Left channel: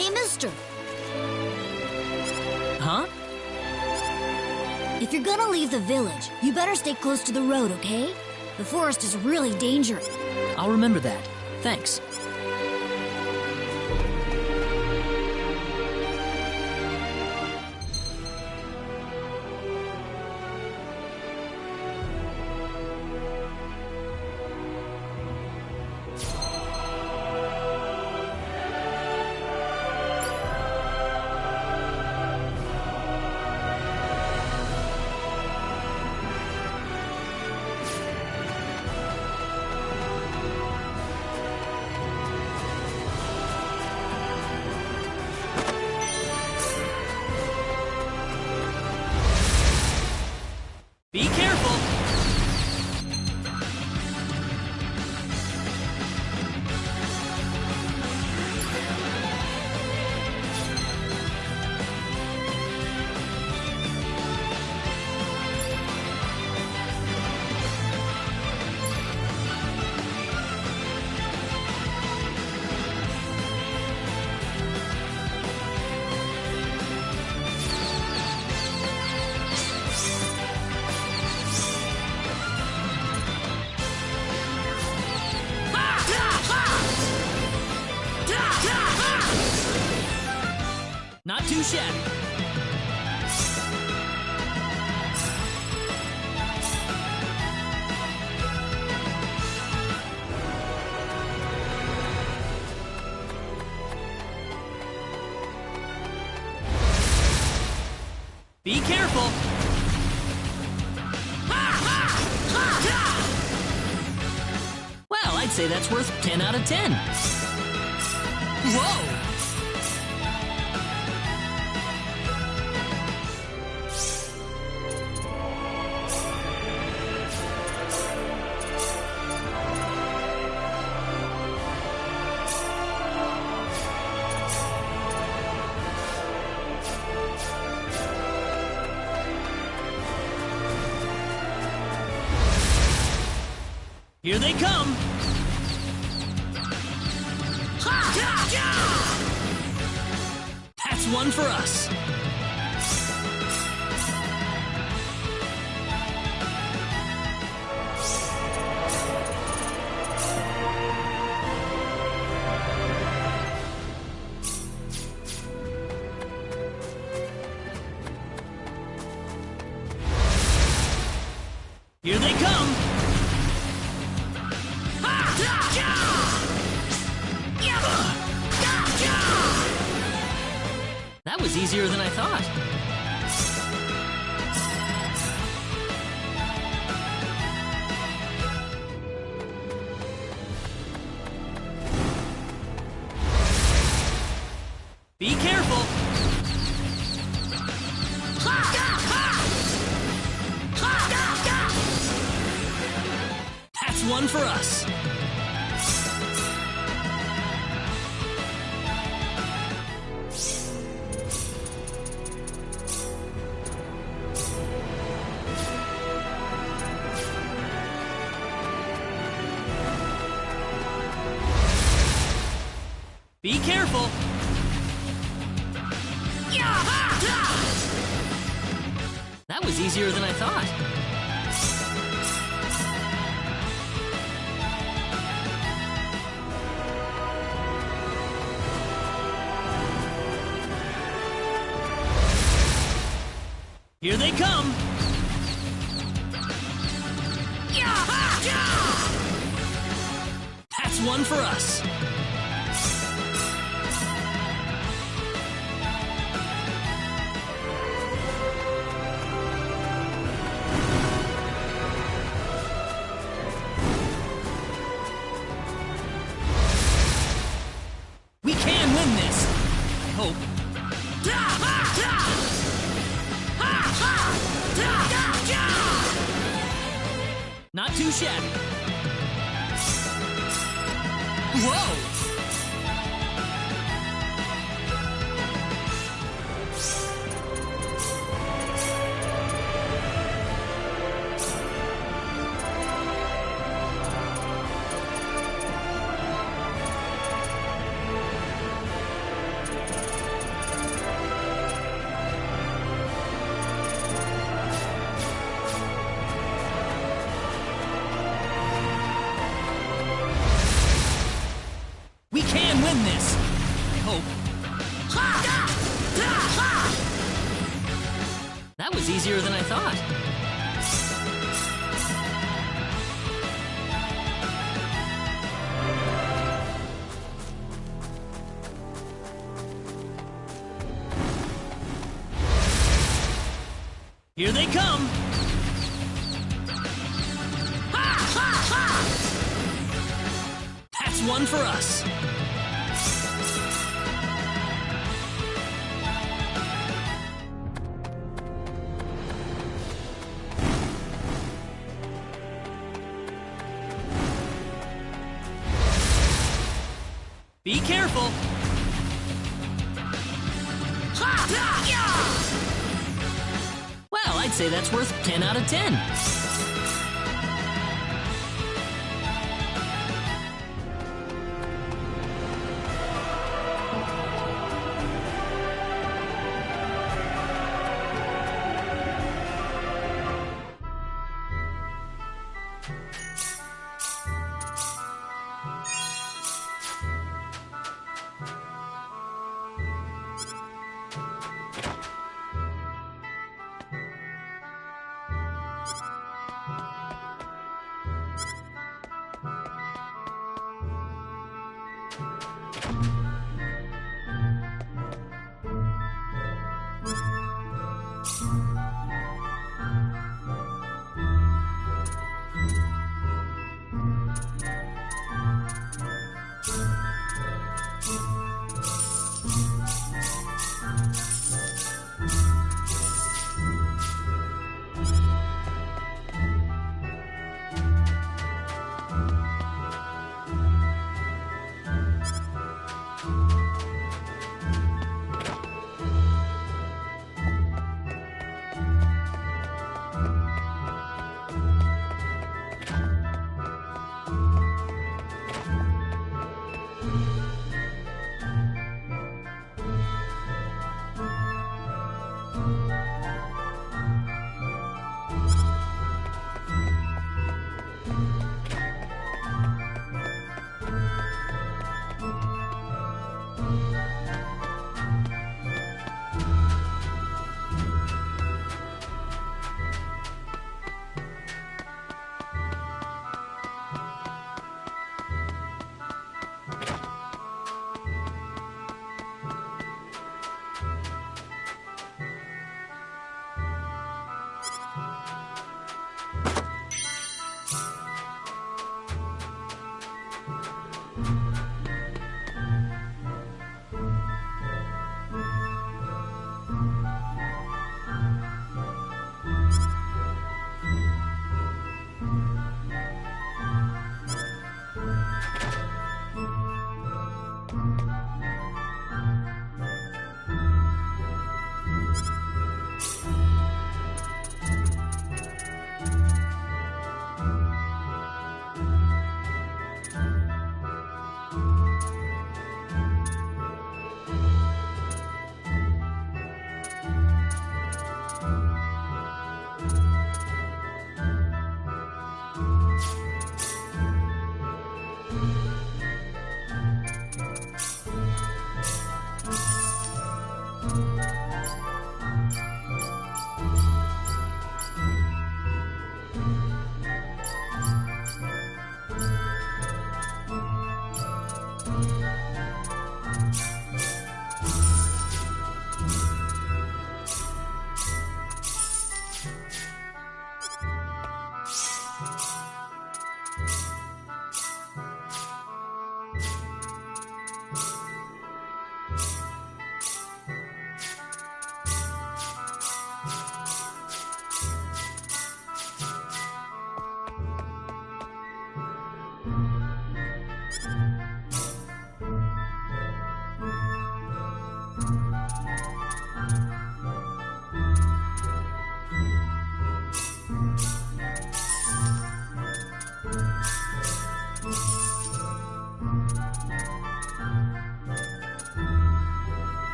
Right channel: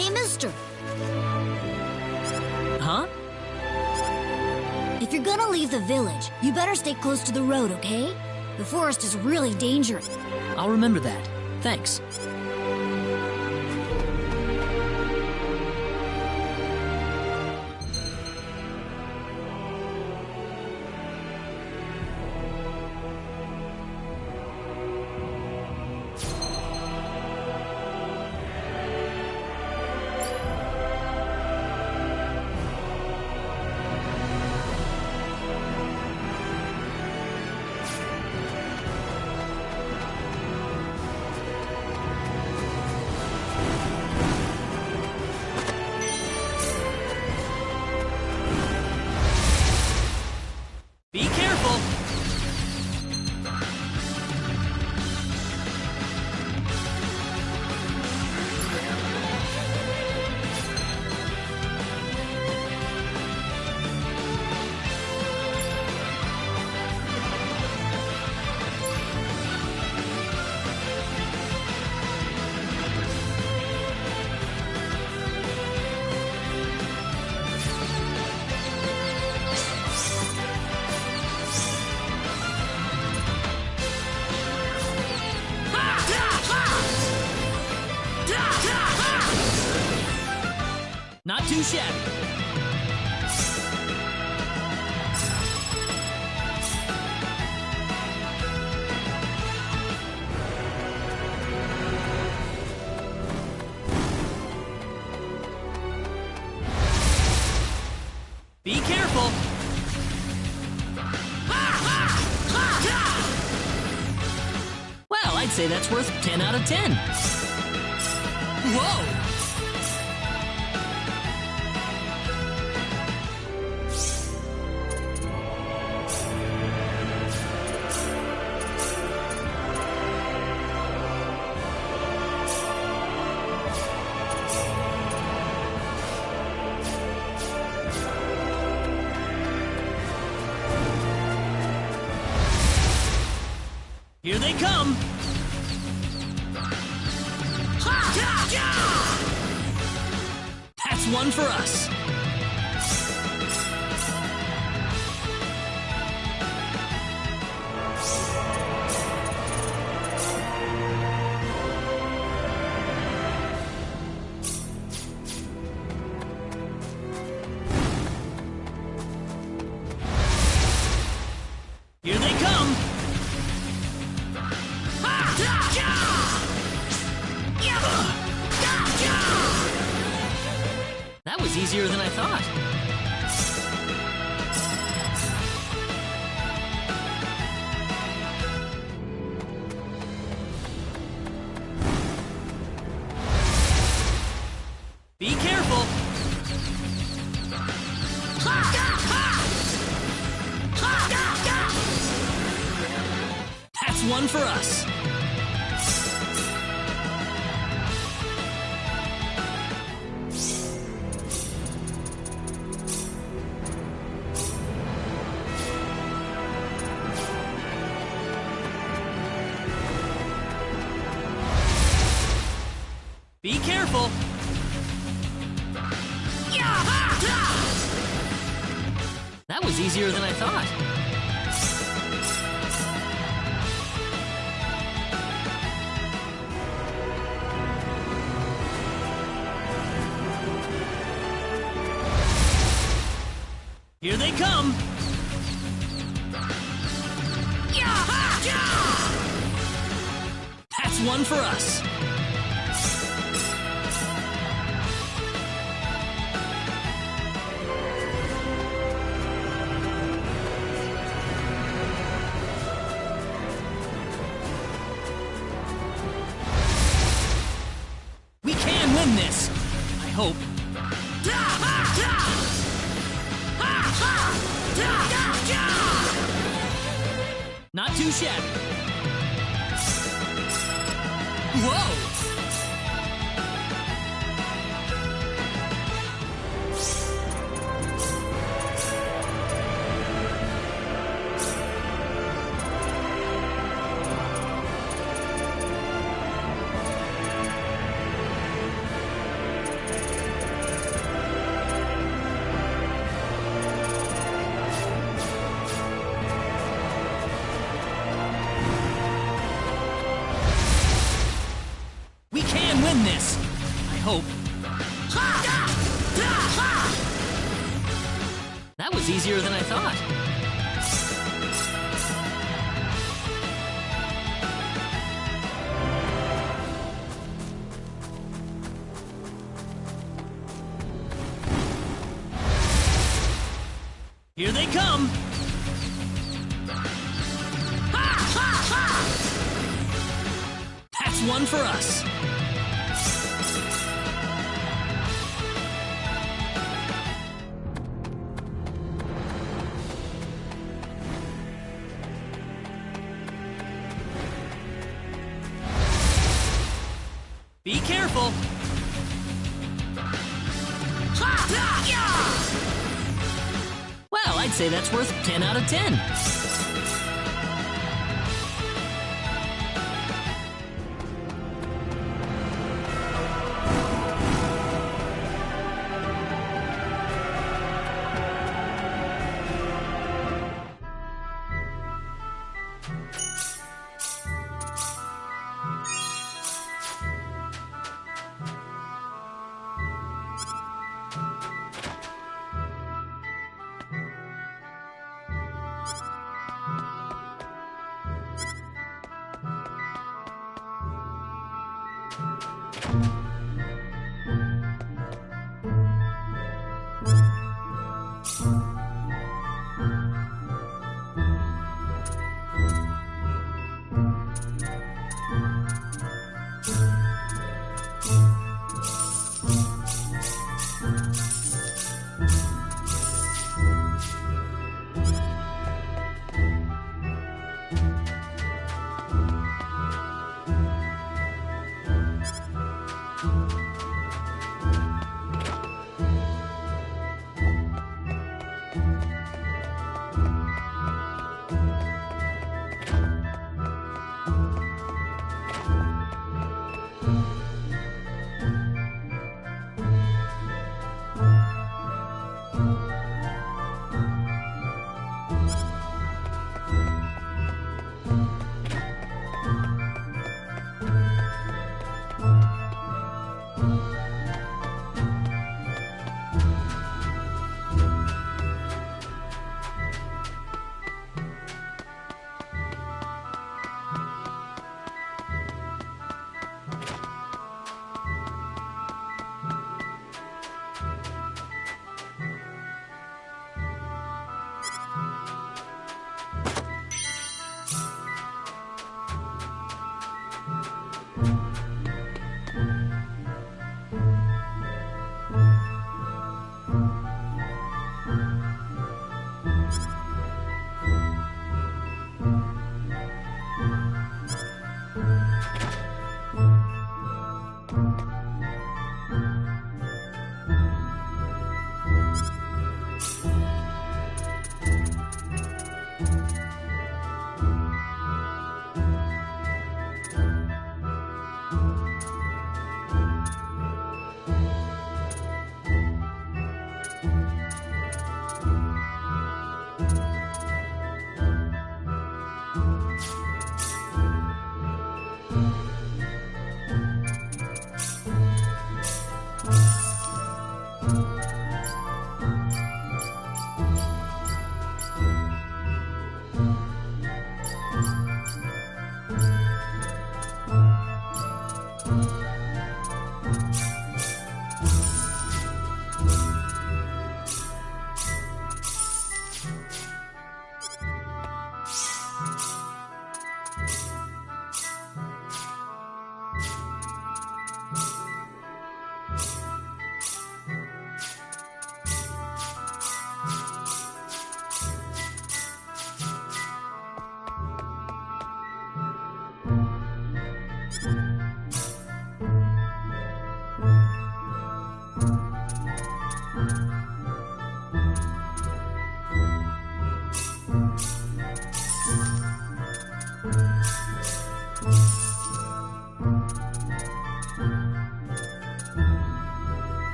Hey, mister. Huh? If you're gonna leave the village, you better stay close to the road, okay? The forest is really dangerous. I'll remember that. Thanks. Be careful! Not too shabby. Be careful. Well, I'd say that's worth 10 out of 10. Whoa! Here they come! That's one for us! Here they come! That was easier than I thought. Be careful! That's one for us. Be careful! That was easier than I thought. Here they come! That's one for us. We can win this! I hope. Not too shabby. Whoa! win this. I hope. That was easier than I thought. Here they come! That's one for us! Be careful! Well, I'd say that's worth 10 out of 10.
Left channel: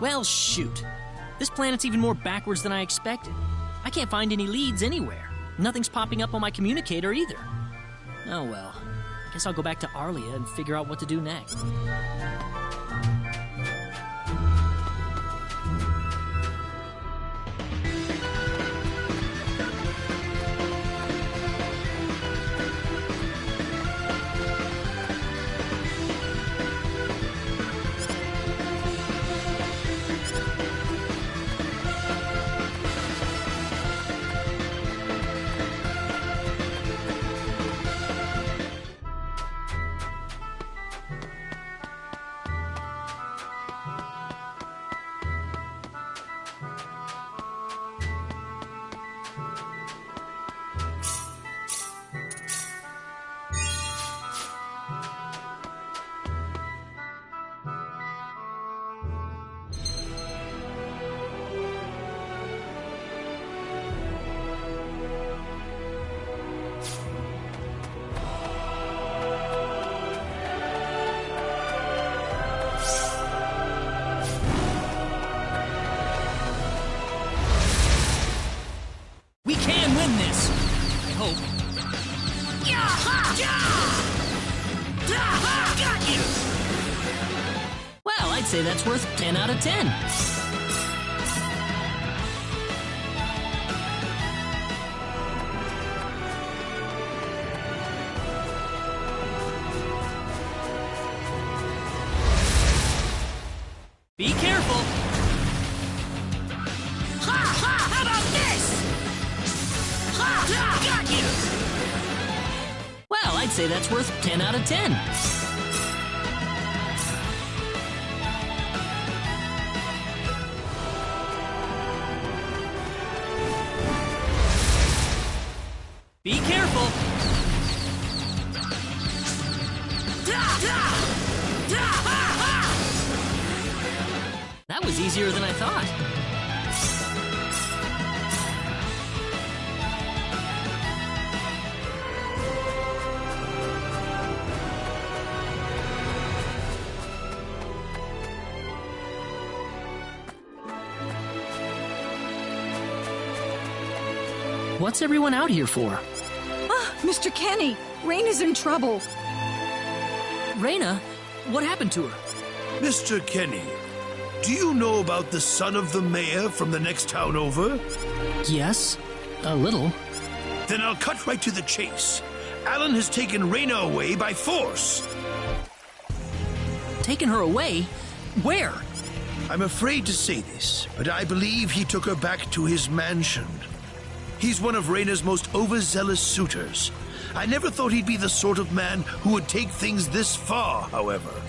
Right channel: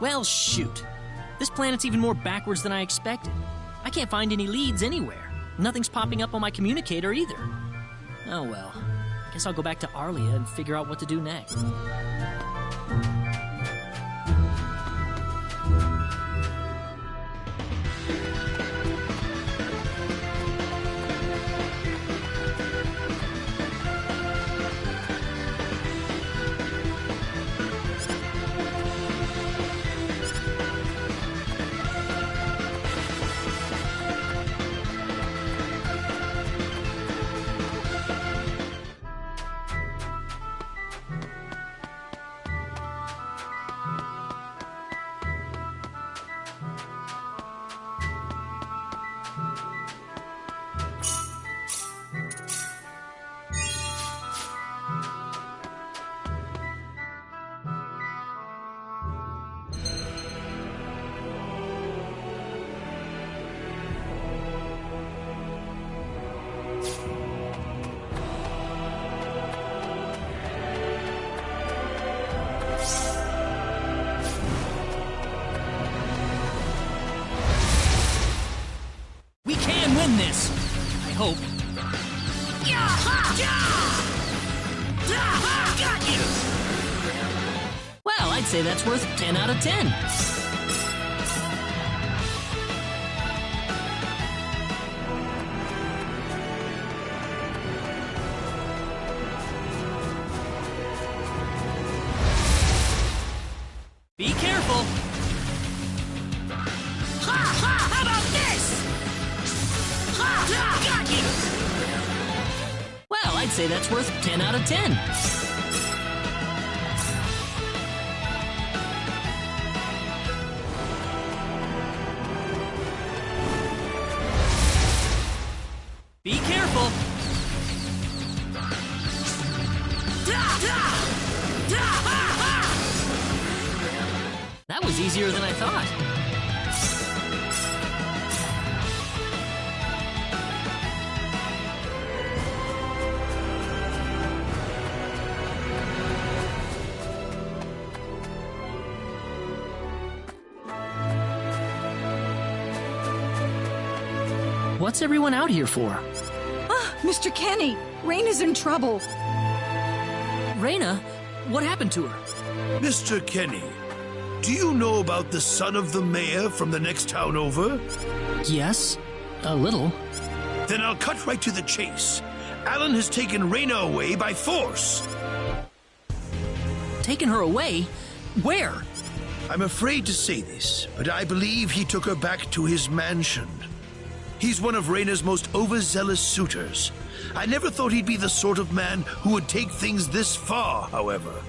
Well, shoot. This planet's even more backwards than I expected. I can't find any leads anywhere. Nothing's popping up on my communicator either. Oh well. I guess I'll go back to Arlia and figure out what to do next. We can win this! I hope. Got you! Well, I'd say that's worth 10 out of 10. Be careful! How about this? Got you! Well, I'd say that's worth 10 out of 10. Be careful! That was easier than I thought. What's everyone out here for? Ah, Mr. Kenny, Raina's in trouble. Raina? What happened to her? Mr. Kenny, do you know about the son of the mayor from the next town over? Yes, a little. Then I'll cut right to the chase. Alan has taken Raina away by force. Taken her away? Where? I'm afraid to say this, but I believe he took her back to his mansion. He's one of Raina's most overzealous suitors. I never thought he'd be the sort of man who would take things this far, however.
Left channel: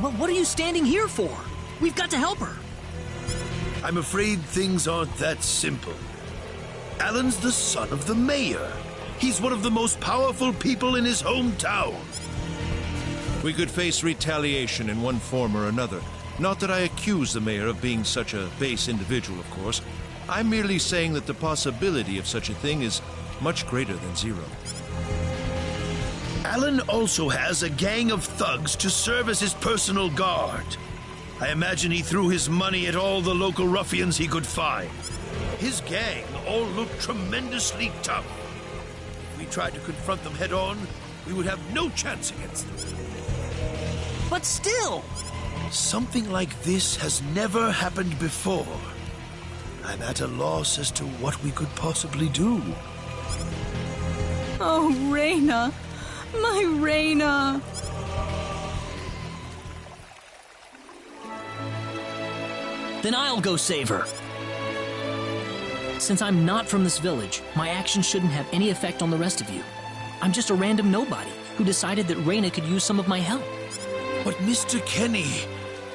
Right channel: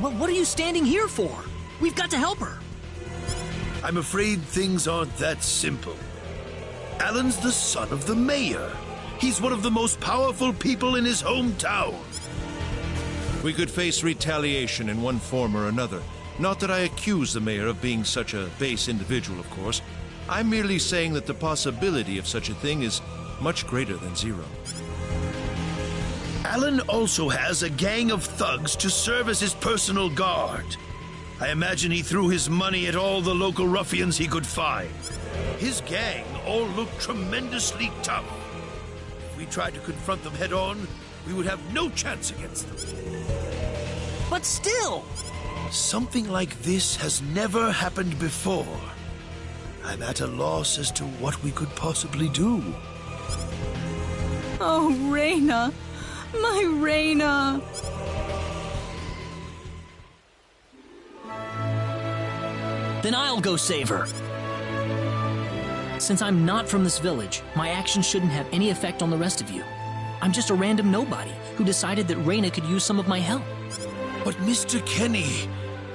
Well, what are you standing here for? We've got to help her. I'm afraid things aren't that simple. Alan's the son of the mayor. He's one of the most powerful people in his hometown. We could face retaliation in one form or another. Not that I accuse the mayor of being such a base individual, of course. I'm merely saying that the possibility of such a thing is much greater than zero. Alan also has a gang of thugs to serve as his personal guard. I imagine he threw his money at all the local ruffians he could find. His gang all look tremendously tough. If we tried to confront them head on, we would have no chance against them. But still! Something like this has never happened before. I'm at a loss as to what we could possibly do. Oh, Raina. My Raina. Then I'll go save her. Since I'm not from this village, my actions shouldn't have any effect on the rest of you. I'm just a random nobody who decided that Raina could use some of my help. But Mr. Kenny,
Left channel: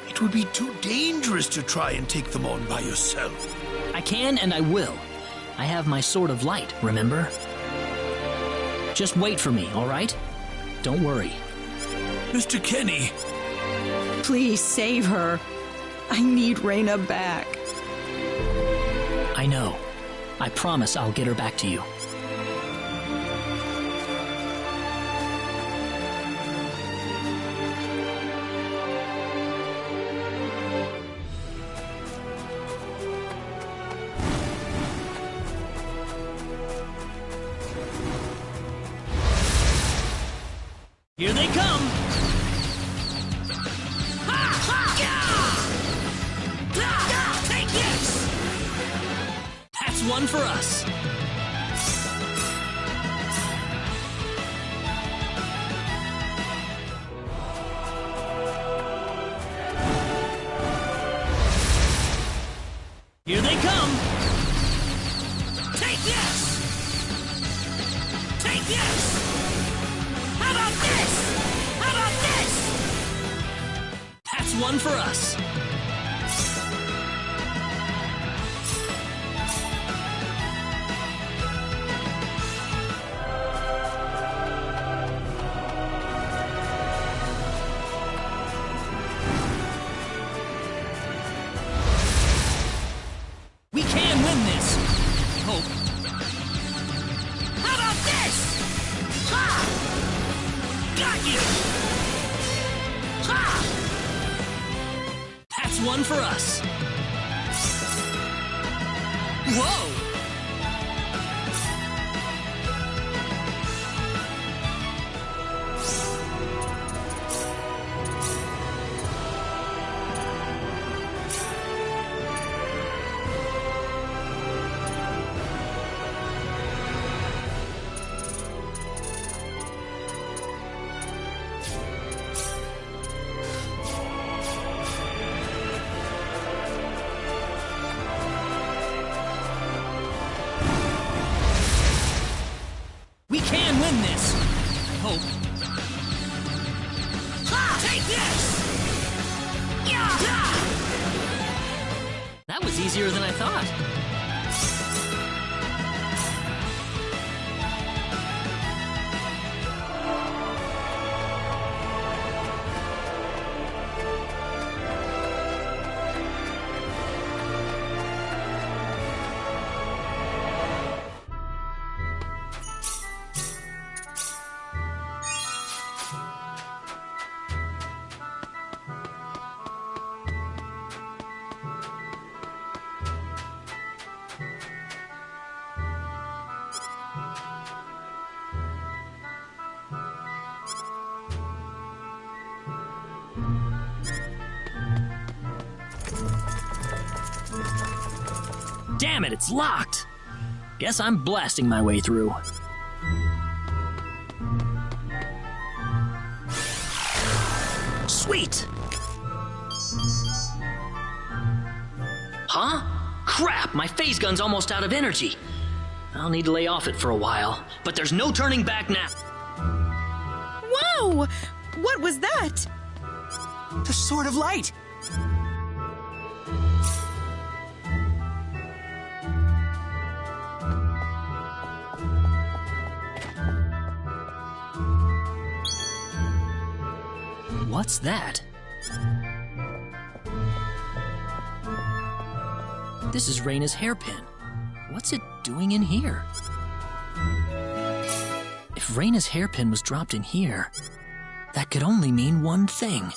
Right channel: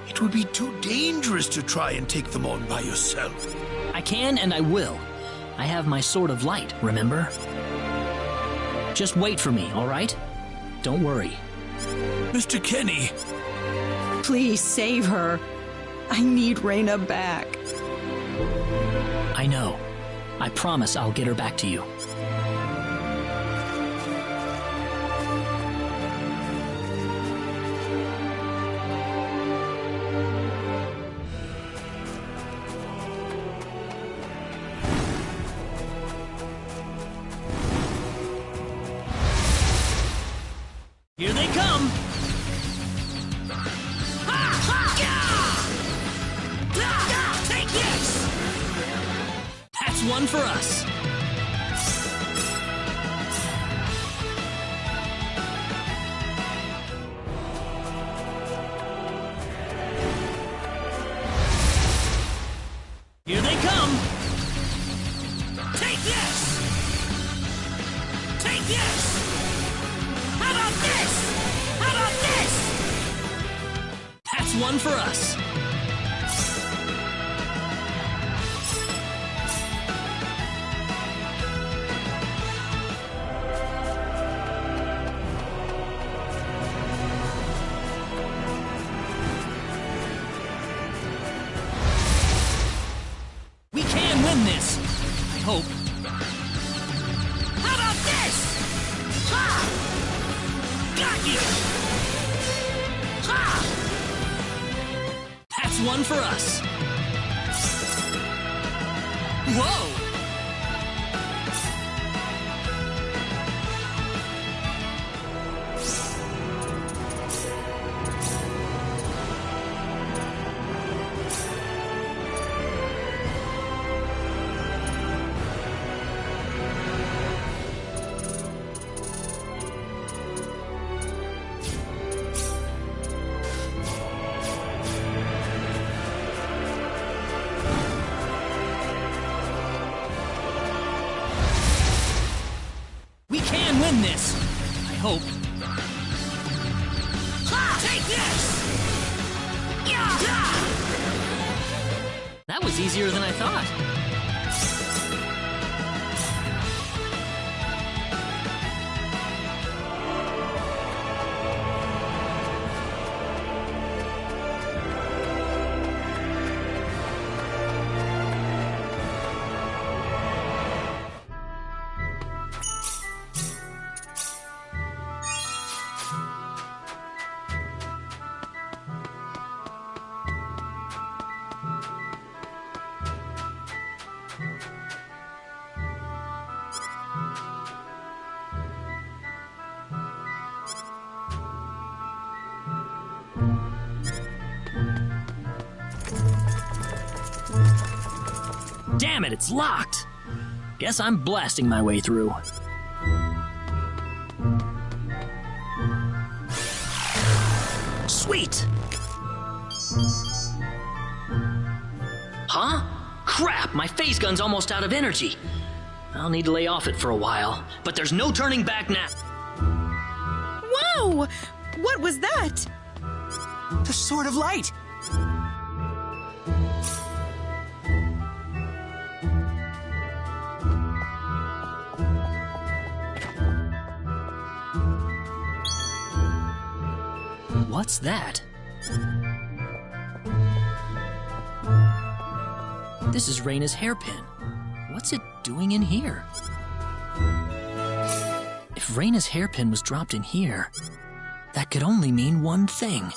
it would be too dangerous to try and take them on by yourself. I can and I will. I have my sword of light, remember? Just wait for me, all right? Don't worry. Mr. Kenny! Please save her. I need Raina back. I know. I promise I'll get her back to you. one for us. Here they come! Take this! Take this! How about this? How about this? That's one for us. We can win this. I hope. How about this? Ha! Got you! Ha! That's one for us. Whoa! We can win this. I hope. Ha! Take this! Yeah! That was easier than I thought. Damn it, it's locked. Guess I'm blasting my way through. Sweet! Huh? Crap, my phase gun's almost out of energy. I'll need to lay off it for a while, but there's no turning back now. Whoa! What was that? The Sword of Light! What's that? This is Reina's hairpin. What's it doing in here? If Reina's hairpin was dropped in here, that could only mean one thing.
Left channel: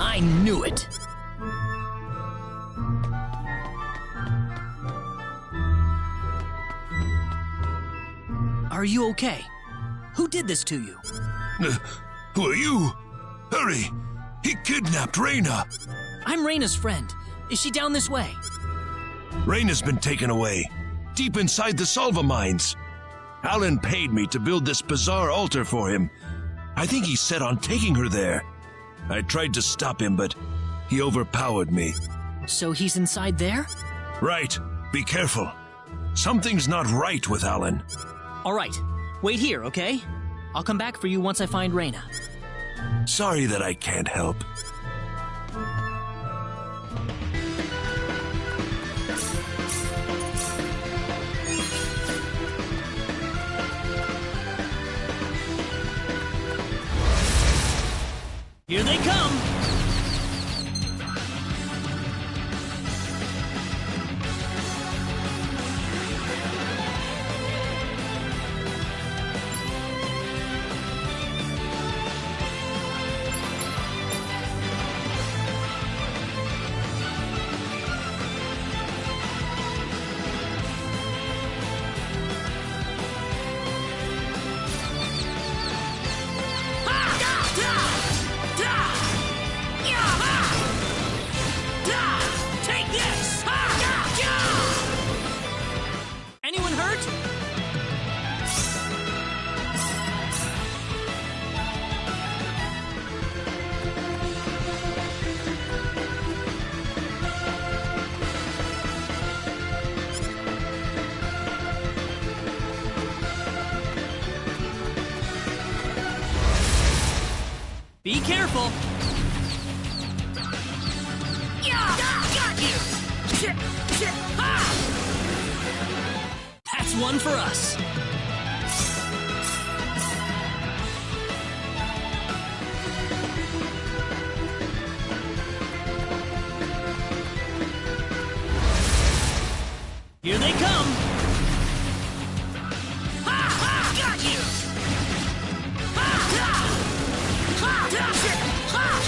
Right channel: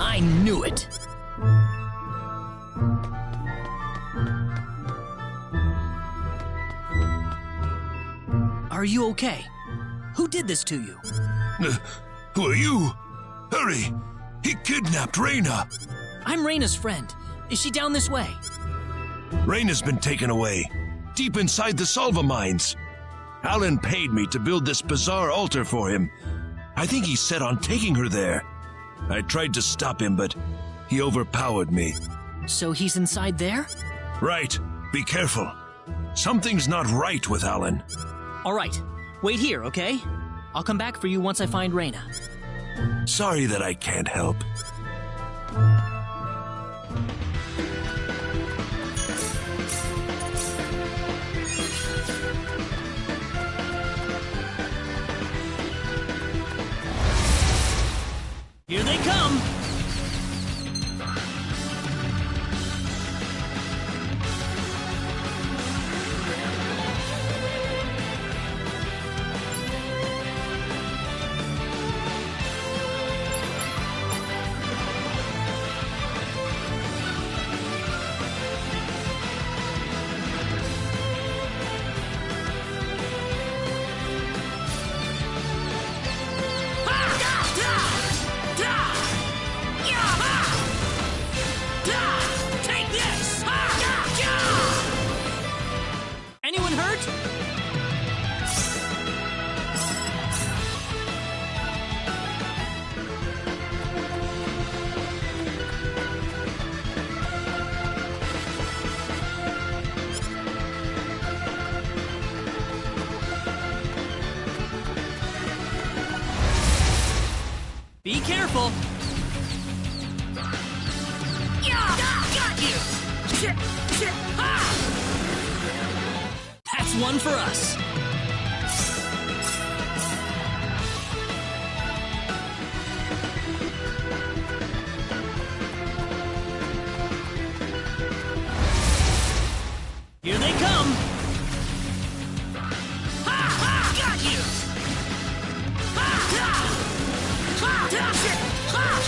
I knew it! Are you okay? Who did this to you? Who are you? Hurry! He kidnapped Reina! I'm Reina's friend. Is she down this way? Reina's been taken away, deep inside the Salva mines. Alan paid me to build this bizarre altar for him. I think he's set on taking her there. I tried to stop him, but he overpowered me. So he's inside there? Right. Be careful. Something's not right with Alan. All right. Wait here, okay? I'll come back for you once I find Reina. Sorry that I can't help. Here they come! Be careful. Got you. That's one for us. Here they come. Got you.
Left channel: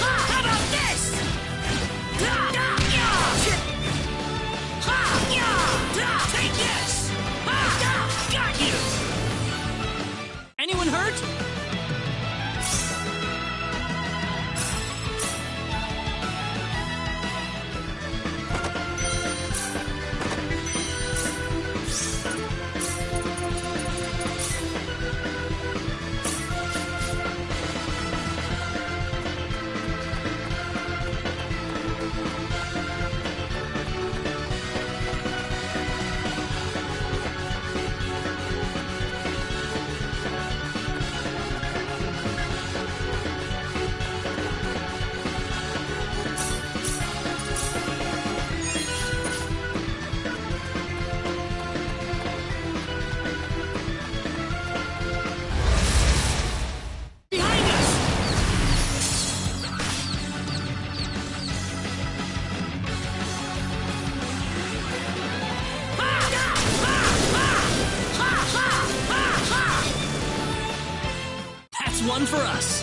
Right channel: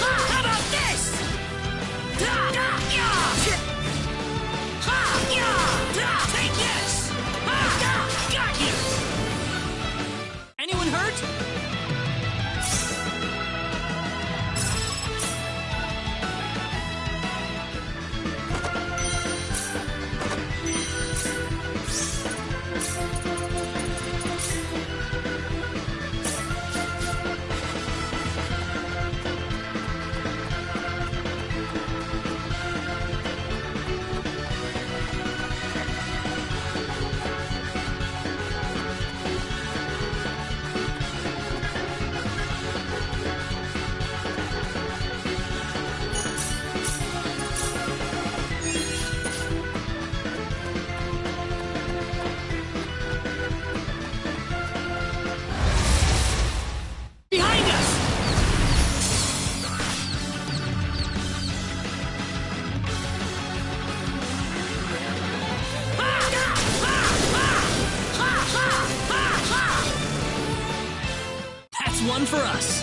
How about this? Take this! Got you! Anyone hurt? One for us.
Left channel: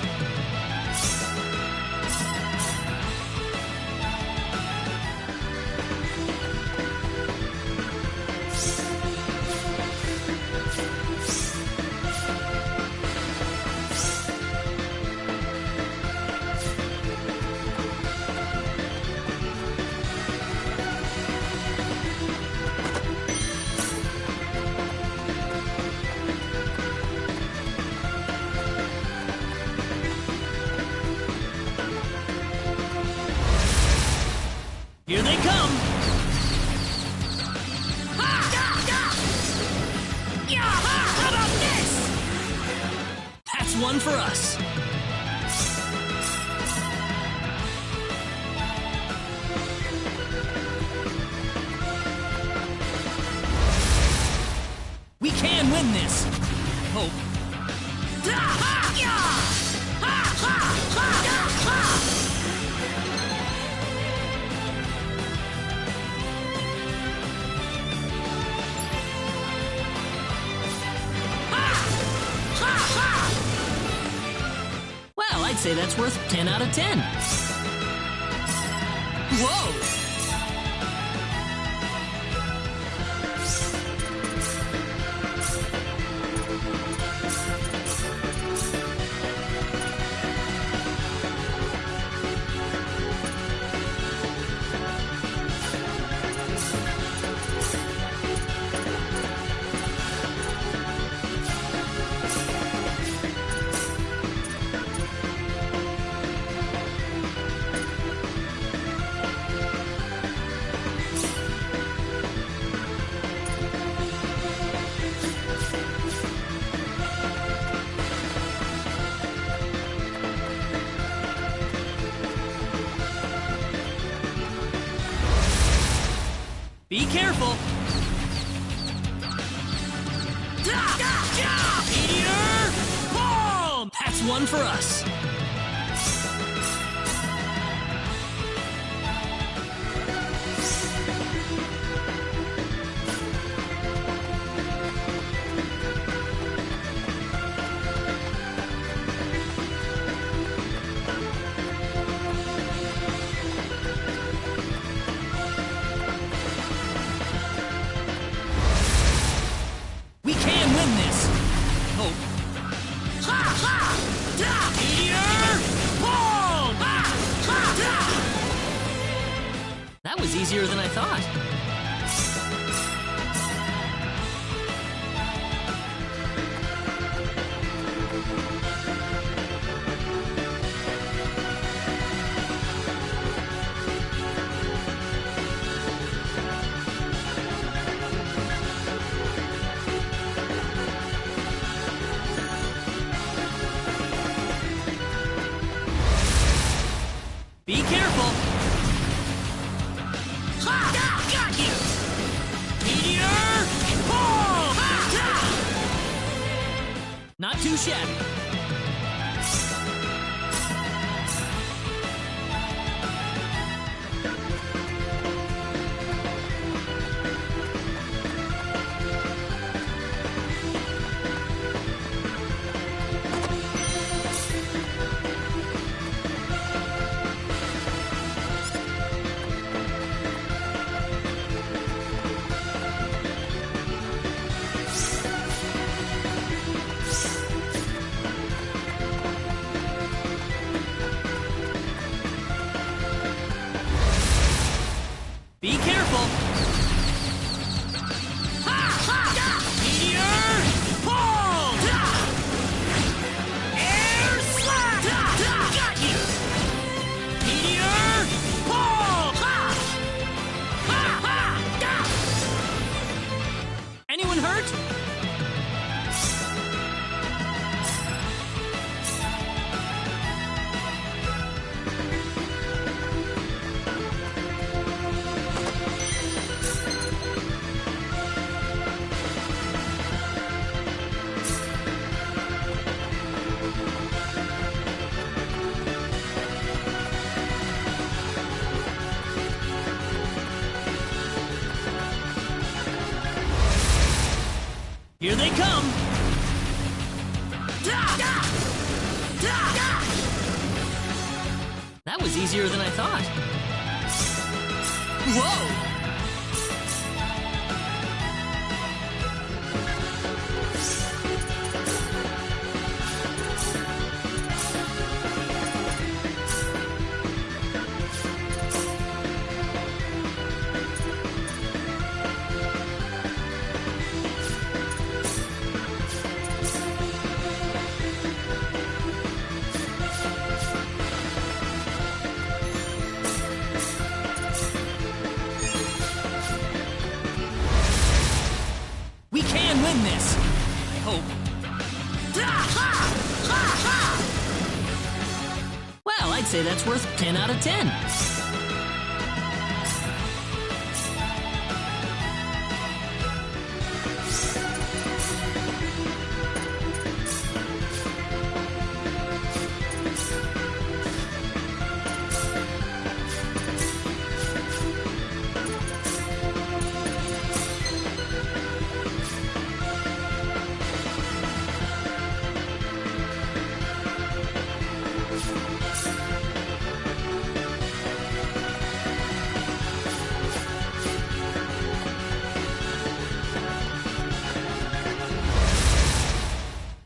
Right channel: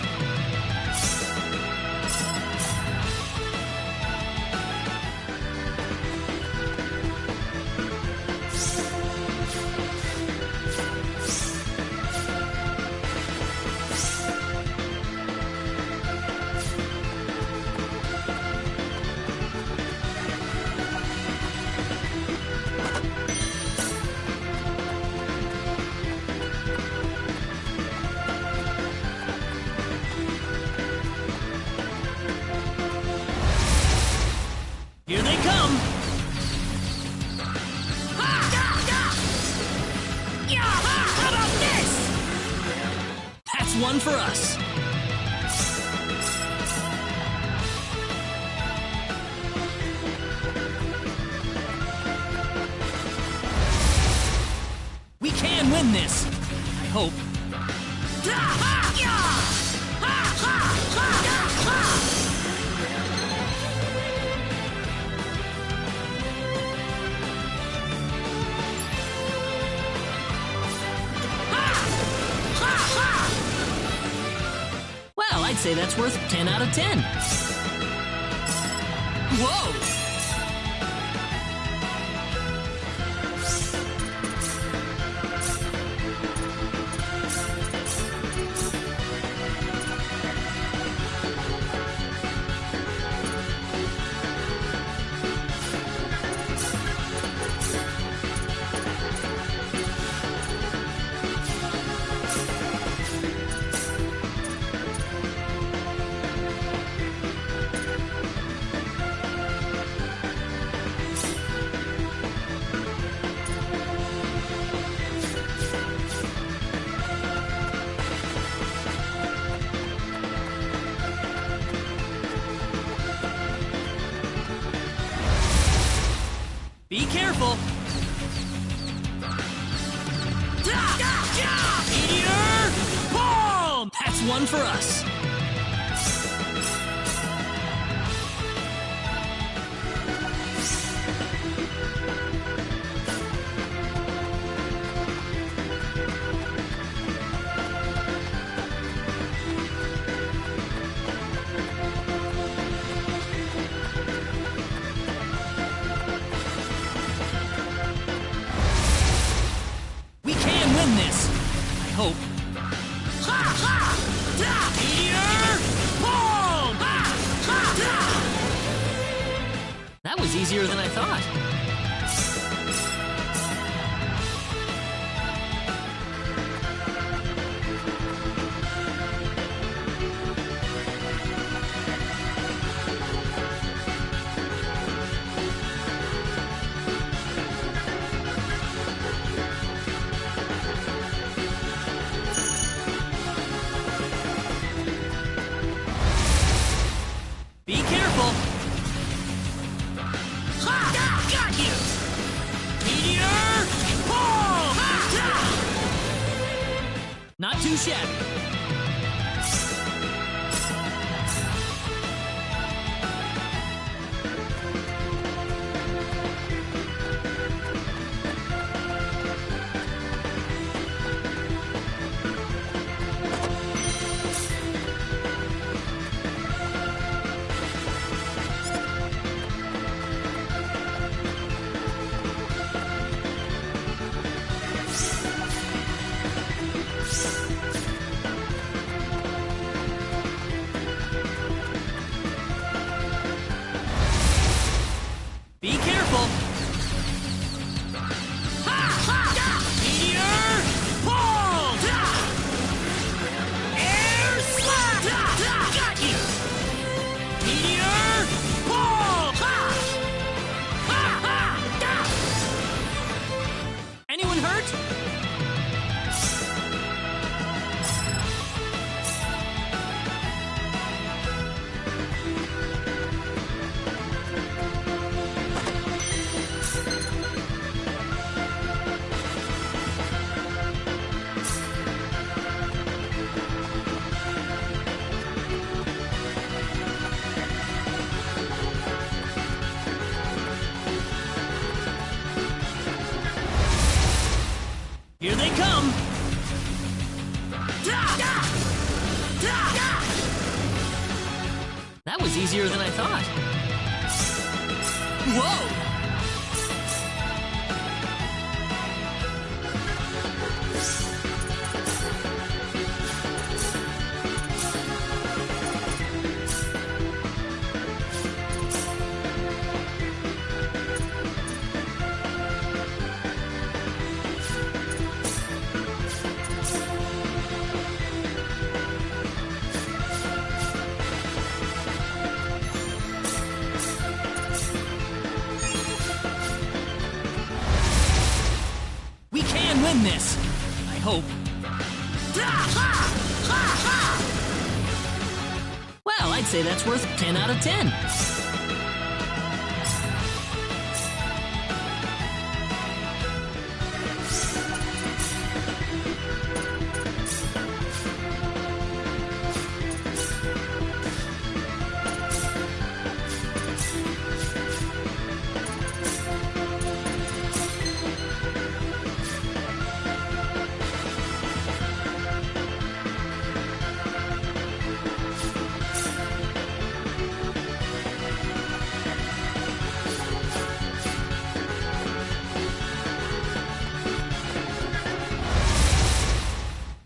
Here they come! How about this? That's one for us. We can win this. I hope. Well, I'd say that's worth 10 out of 10. Whoa! Be careful! Meteor! Palm! That's one for us. We can win this. I hope. Meteor! Palm! That was easier than I thought. Not too shabby. Be careful! Meteor! Pull! Air slap! Got you! Meteor! Pull! Anyone hurt? Here they come! That was easier than I thought. Whoa! We can win this! I hope. Well, I'd say that's worth 10 out of 10.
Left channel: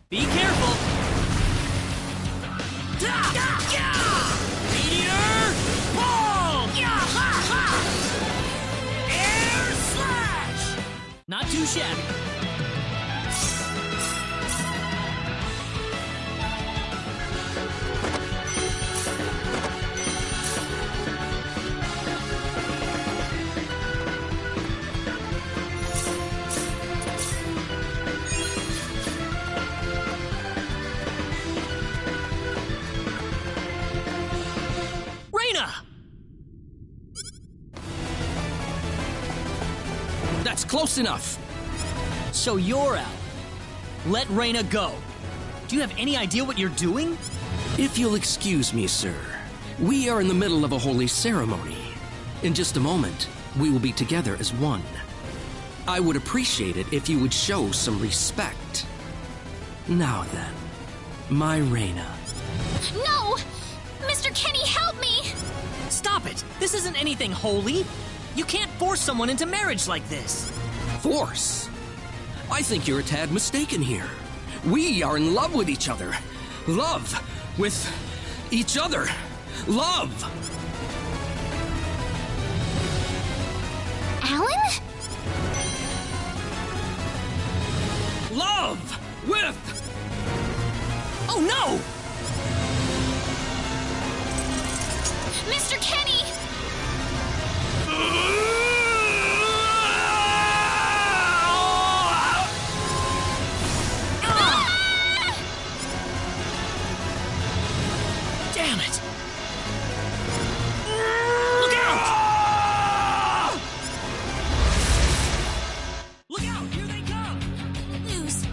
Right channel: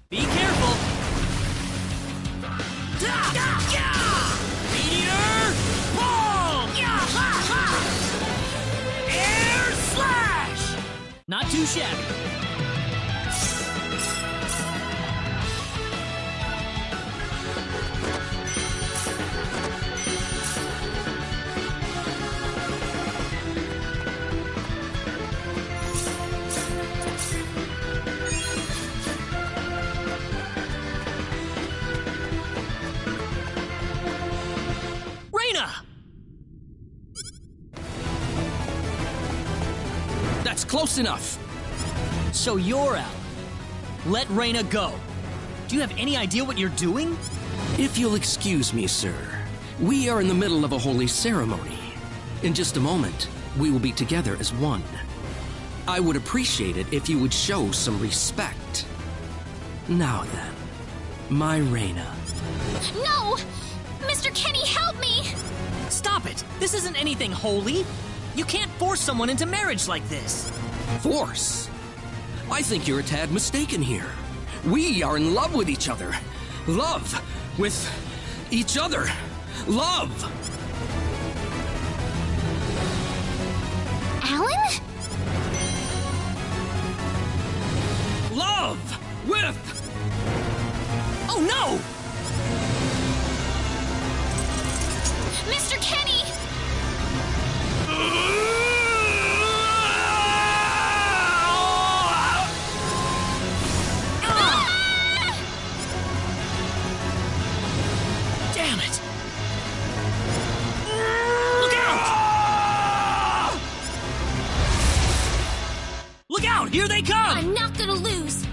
Be careful! Meteor! Pull! Air slash! Not too shabby. That's close enough. So you're out. Let Reina go. Do you have any idea what you're doing? If you'll excuse me, sir, we are in the middle of a holy ceremony. In just a moment, we will be together as one. I would appreciate it if you would show some respect. Now then, my Reina. No! Mr. Kenny, help me! Stop it! This isn't anything holy! You can't force someone into marriage like this! Force? I think you're a tad mistaken here. We are in love with each other. Love with each other. Love! Alan? Love with... Oh no! Mr. Kenny! Damn it! Look out! Look out! Here they come! I'm not gonna lose.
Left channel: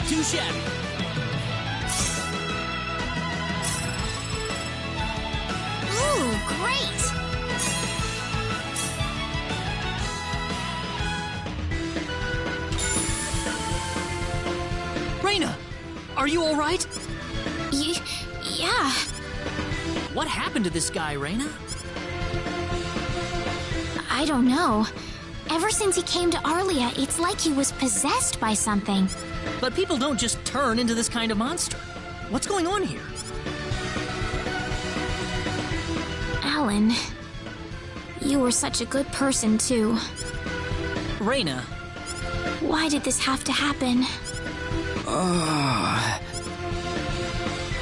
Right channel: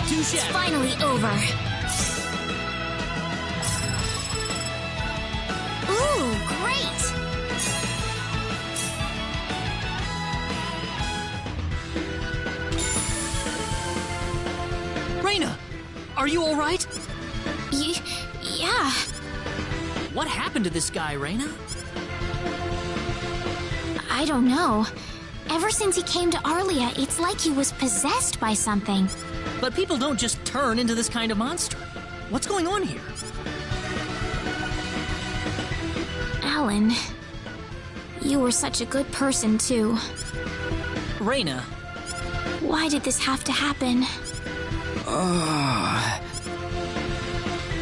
Not too shabby. Finally over. Ooh, great! Raina, are you all right? Yeah. What happened to this guy, Raina? I don't know. Ever since he came to Arlia, it's like he was possessed by something. But people don't just turn into this kind of monster. What's going on here? Alan, you were such a good person, too. Raina. Why did this have to happen?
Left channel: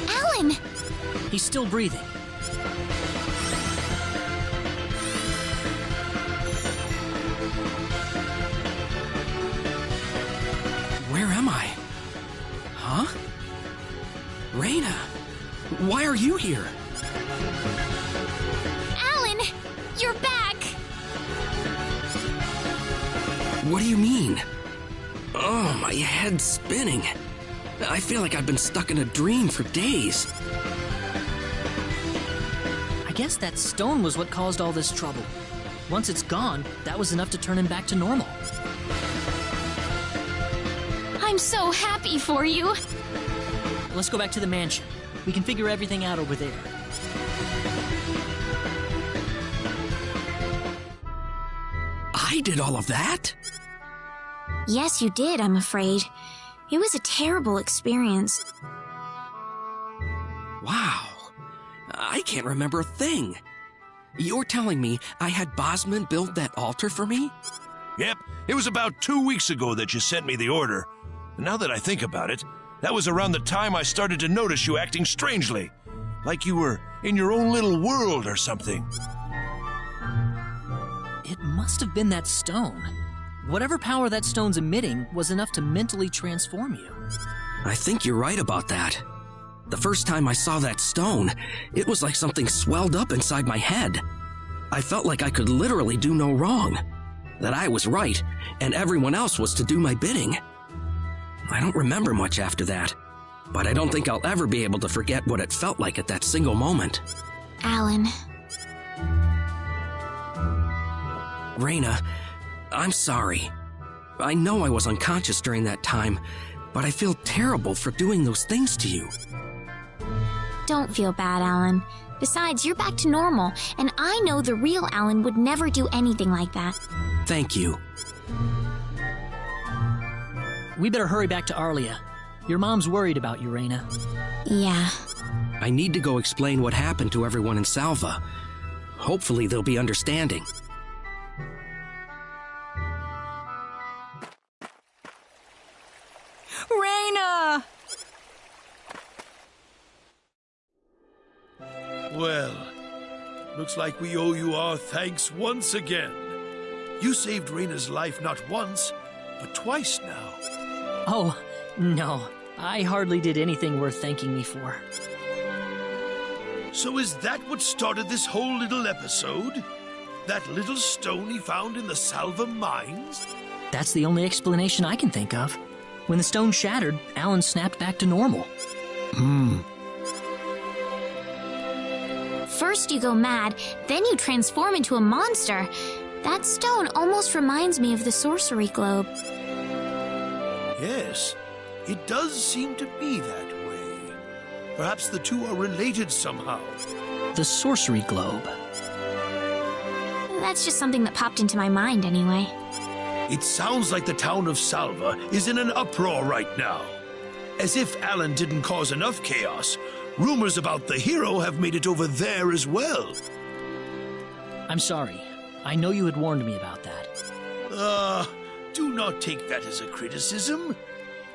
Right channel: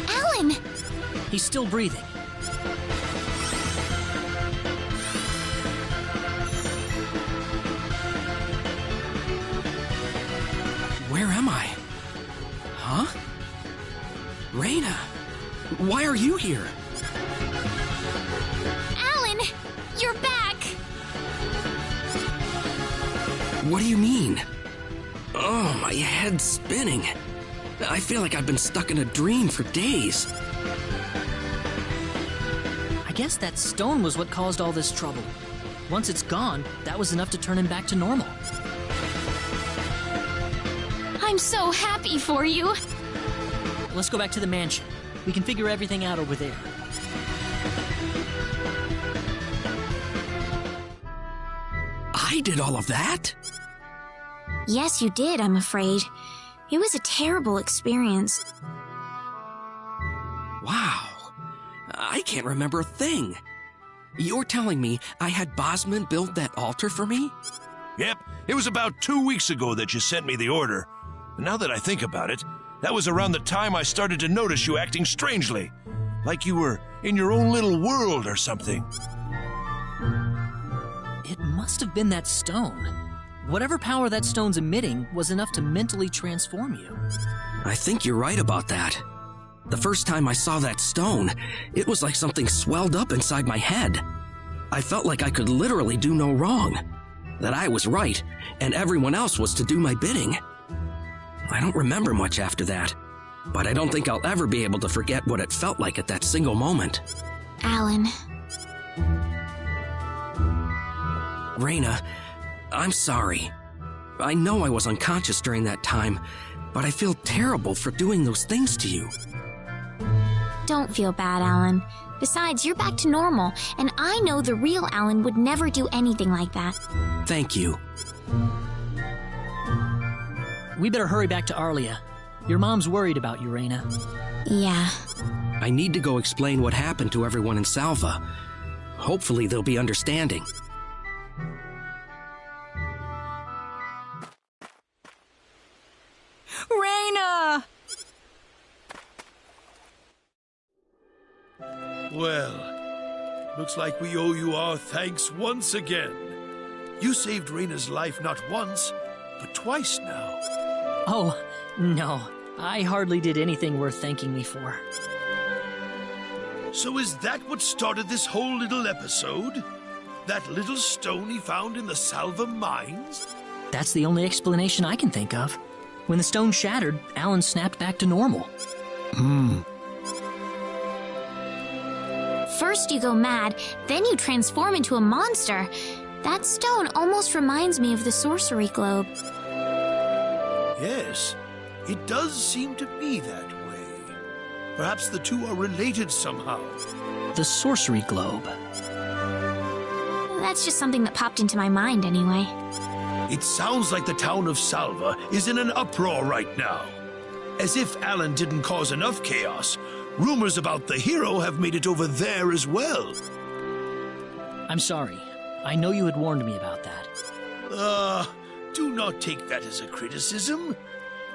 Alan! He's still breathing. Where am I? Huh? Raina, why are you here? Alan! You're back! What do you mean? Oh, my head's spinning. I feel like I've been stuck in a dream for days. I guess that stone was what caused all this trouble. Once it's gone, that was enough to turn him back to normal. I'm so happy for you. Let's go back to the mansion. We can figure everything out over there. I did all of that? Yes, you did, I'm afraid. It was a terrible experience. Wow. I can't remember a thing. You're telling me I had Bosman build that altar for me? Yep, it was about 2 weeks ago that you sent me the order. And now that I think about it, that was around the time I started to notice you acting strangely. Like you were in your own little world or something. It must have been that stone. Whatever power that stone's emitting was enough to mentally transform you. I think you're right about that. The first time I saw that stone, it was like something swelled up inside my head. I felt like I could literally do no wrong. That I was right, and everyone else was to do my bidding. I don't remember much after that, but I don't think I'll ever be able to forget what it felt like at that single moment. Alan. Raina, I'm sorry. I know I was unconscious during that time, but I feel terrible for doing those things to you. Don't feel bad, Alan. Besides, you're back to normal, and I know the real Alan would never do anything like that. Thank you. We better hurry back to Arlia. Your mom's worried about you, Raina. Yeah. I need to go explain what happened to everyone in Salva. Hopefully they'll be understanding. Raina! Well, looks like we owe you our thanks once again. You saved Raina's life not once, but twice now. Oh, no. I hardly did anything worth thanking me for. So is that what started this whole little episode? That little stone he found in the Salva mines? That's the only explanation I can think of. When the stone shattered, Alan snapped back to normal. First you go mad, then you transform into a monster. That stone almost reminds me of the sorcery globe. Yes, it does seem to be that way. Perhaps the two are related somehow. The sorcery globe. That's just something that popped into my mind anyway. It sounds like the town of Salva is in an uproar right now. As if Alan didn't cause enough chaos, rumors about the hero have made it over there as well. I'm sorry. I know you had warned me about that. Do not take that as a criticism.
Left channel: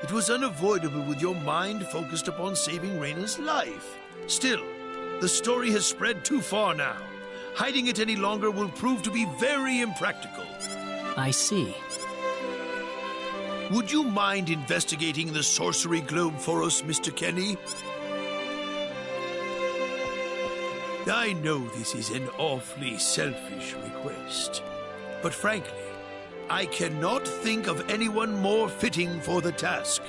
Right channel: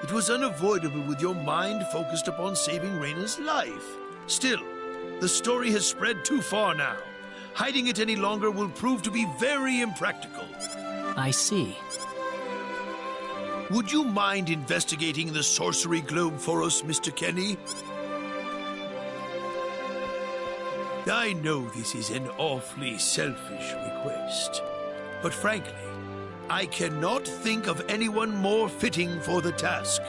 It was unavoidable with your mind focused upon saving Raina's life. Still, the story has spread too far now. Hiding it any longer will prove to be very impractical. I see. Would you mind investigating the sorcery globe for us, Mr. Kenny? I know this is an awfully selfish request, but frankly, I cannot think of anyone more fitting for the task.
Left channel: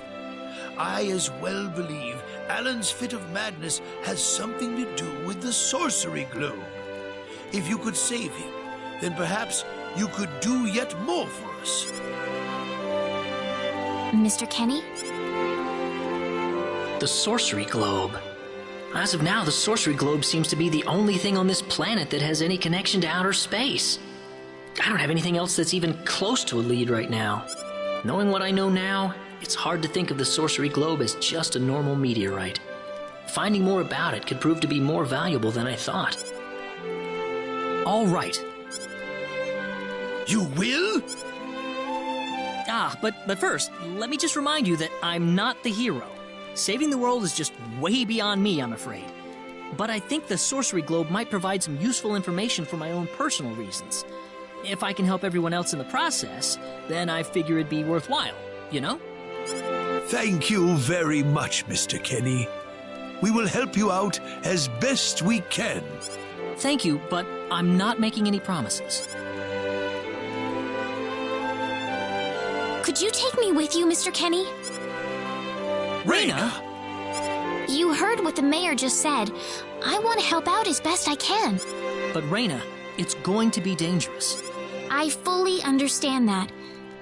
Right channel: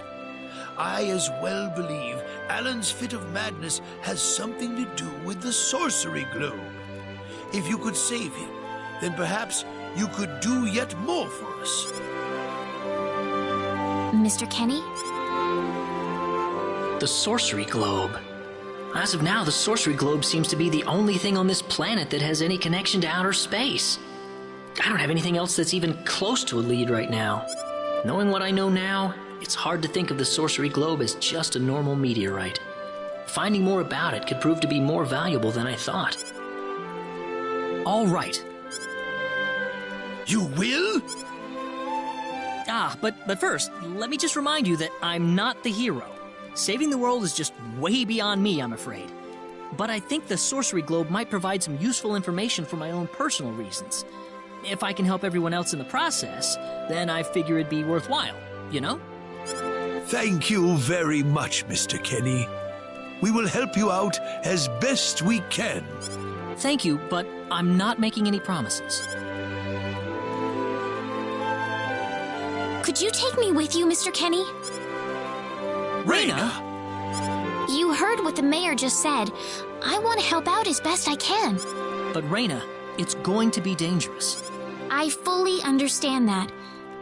I as well believe Alan's fit of madness has something to do with the sorcery globe. If you could save him, then perhaps you could do yet more for us. Mr. Kenny? The sorcery globe. As of now, the sorcery globe seems to be the only thing on this planet that has any connection to outer space. I don't have anything else that's even close to a lead right now. Knowing what I know now, it's hard to think of the sorcery globe as just a normal meteorite. Finding more about it could prove to be more valuable than I thought. All right. You will? But first, let me just remind you that I'm not the hero. Saving the world is just way beyond me, I'm afraid. But I think the sorcery globe might provide some useful information for my own personal reasons. If I can help everyone else in the process, then I figure it'd be worthwhile, you know? Thank you very much, Mr. Kenny. We will help you out as best we can. Thank you, but I'm not making any promises. Could you take me with you, Mr. Kenny? Raina! You heard what the mayor just said. I want to help out as best I can. But Raina, it's going to be dangerous. I fully understand that,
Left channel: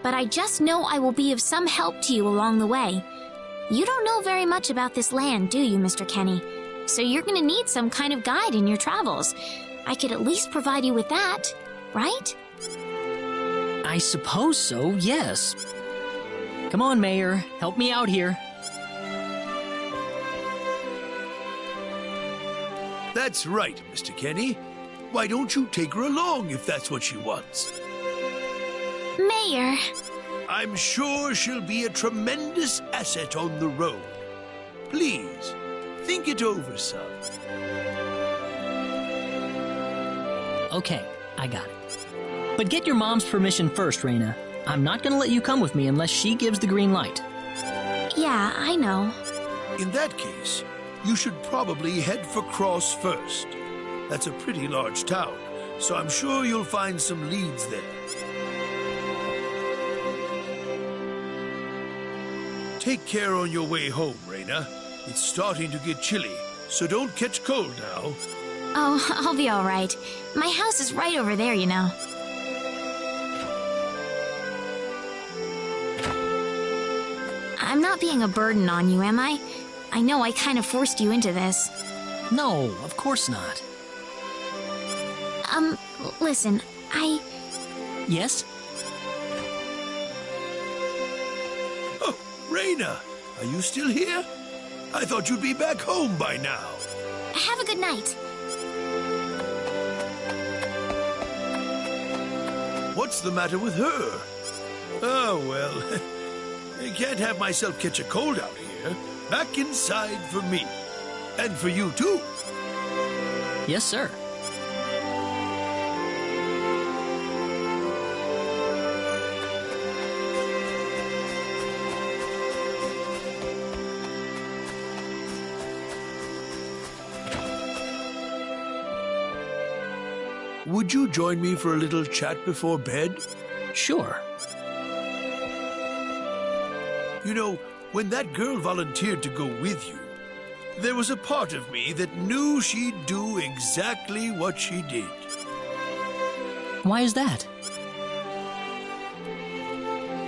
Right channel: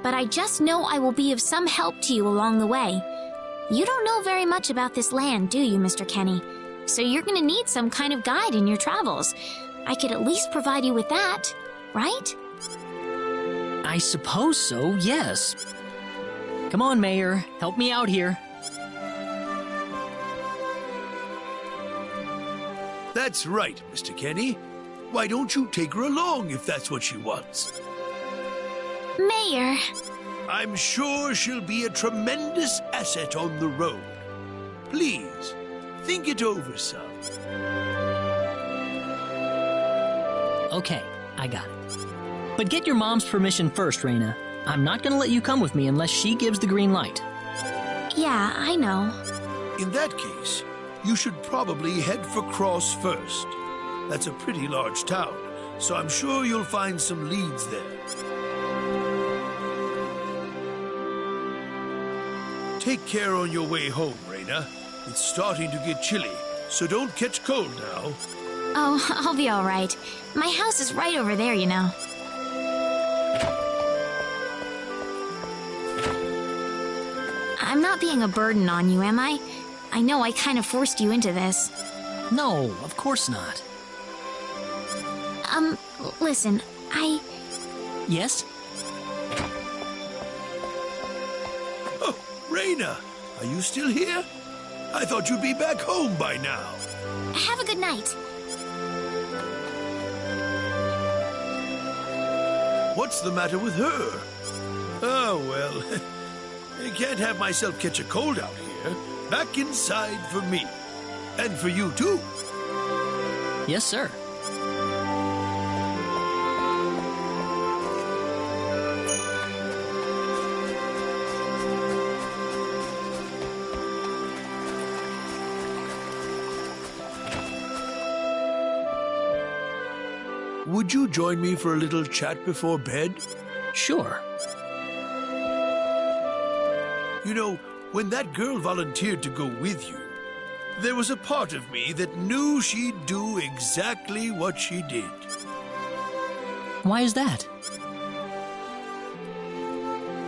but I just know I will be of some help to you along the way. You don't know very much about this land, do you, Mr. Kenny? So you're going to need some kind of guide in your travels. I could at least provide you with that, right? I suppose so, yes. Come on, Mayor, help me out here. That's right, Mr. Kenny. Why don't you take her along if that's what she wants? Mayor. I'm sure she'll be a tremendous asset on the road. Please, think it over, son. Okay, I got it. But get your mom's permission first, Raina. I'm not gonna let you come with me unless she gives the green light. Yeah, I know. In that case, you should probably head for Cross first. That's a pretty large town, so I'm sure you'll find some leads there. Take care on your way home, Raina. It's starting to get chilly, so don't catch cold now. Oh, I'll be all right. My house is right over there, you know. I'm not being a burden on you, am I? I know I kind of forced you into this. No, of course not. Listen, Yes? Oh, Raina, are you still here? I thought you'd be back home by now. Have a good night. What's the matter with her? Oh, well, I can't have myself catch a cold out here. Back inside for me. And for you, too. Yes, sir. Would you join me for a little chat before bed? Sure. You know, when that girl volunteered to go with you, there was a part of me that knew she'd do exactly what she did. Why is that?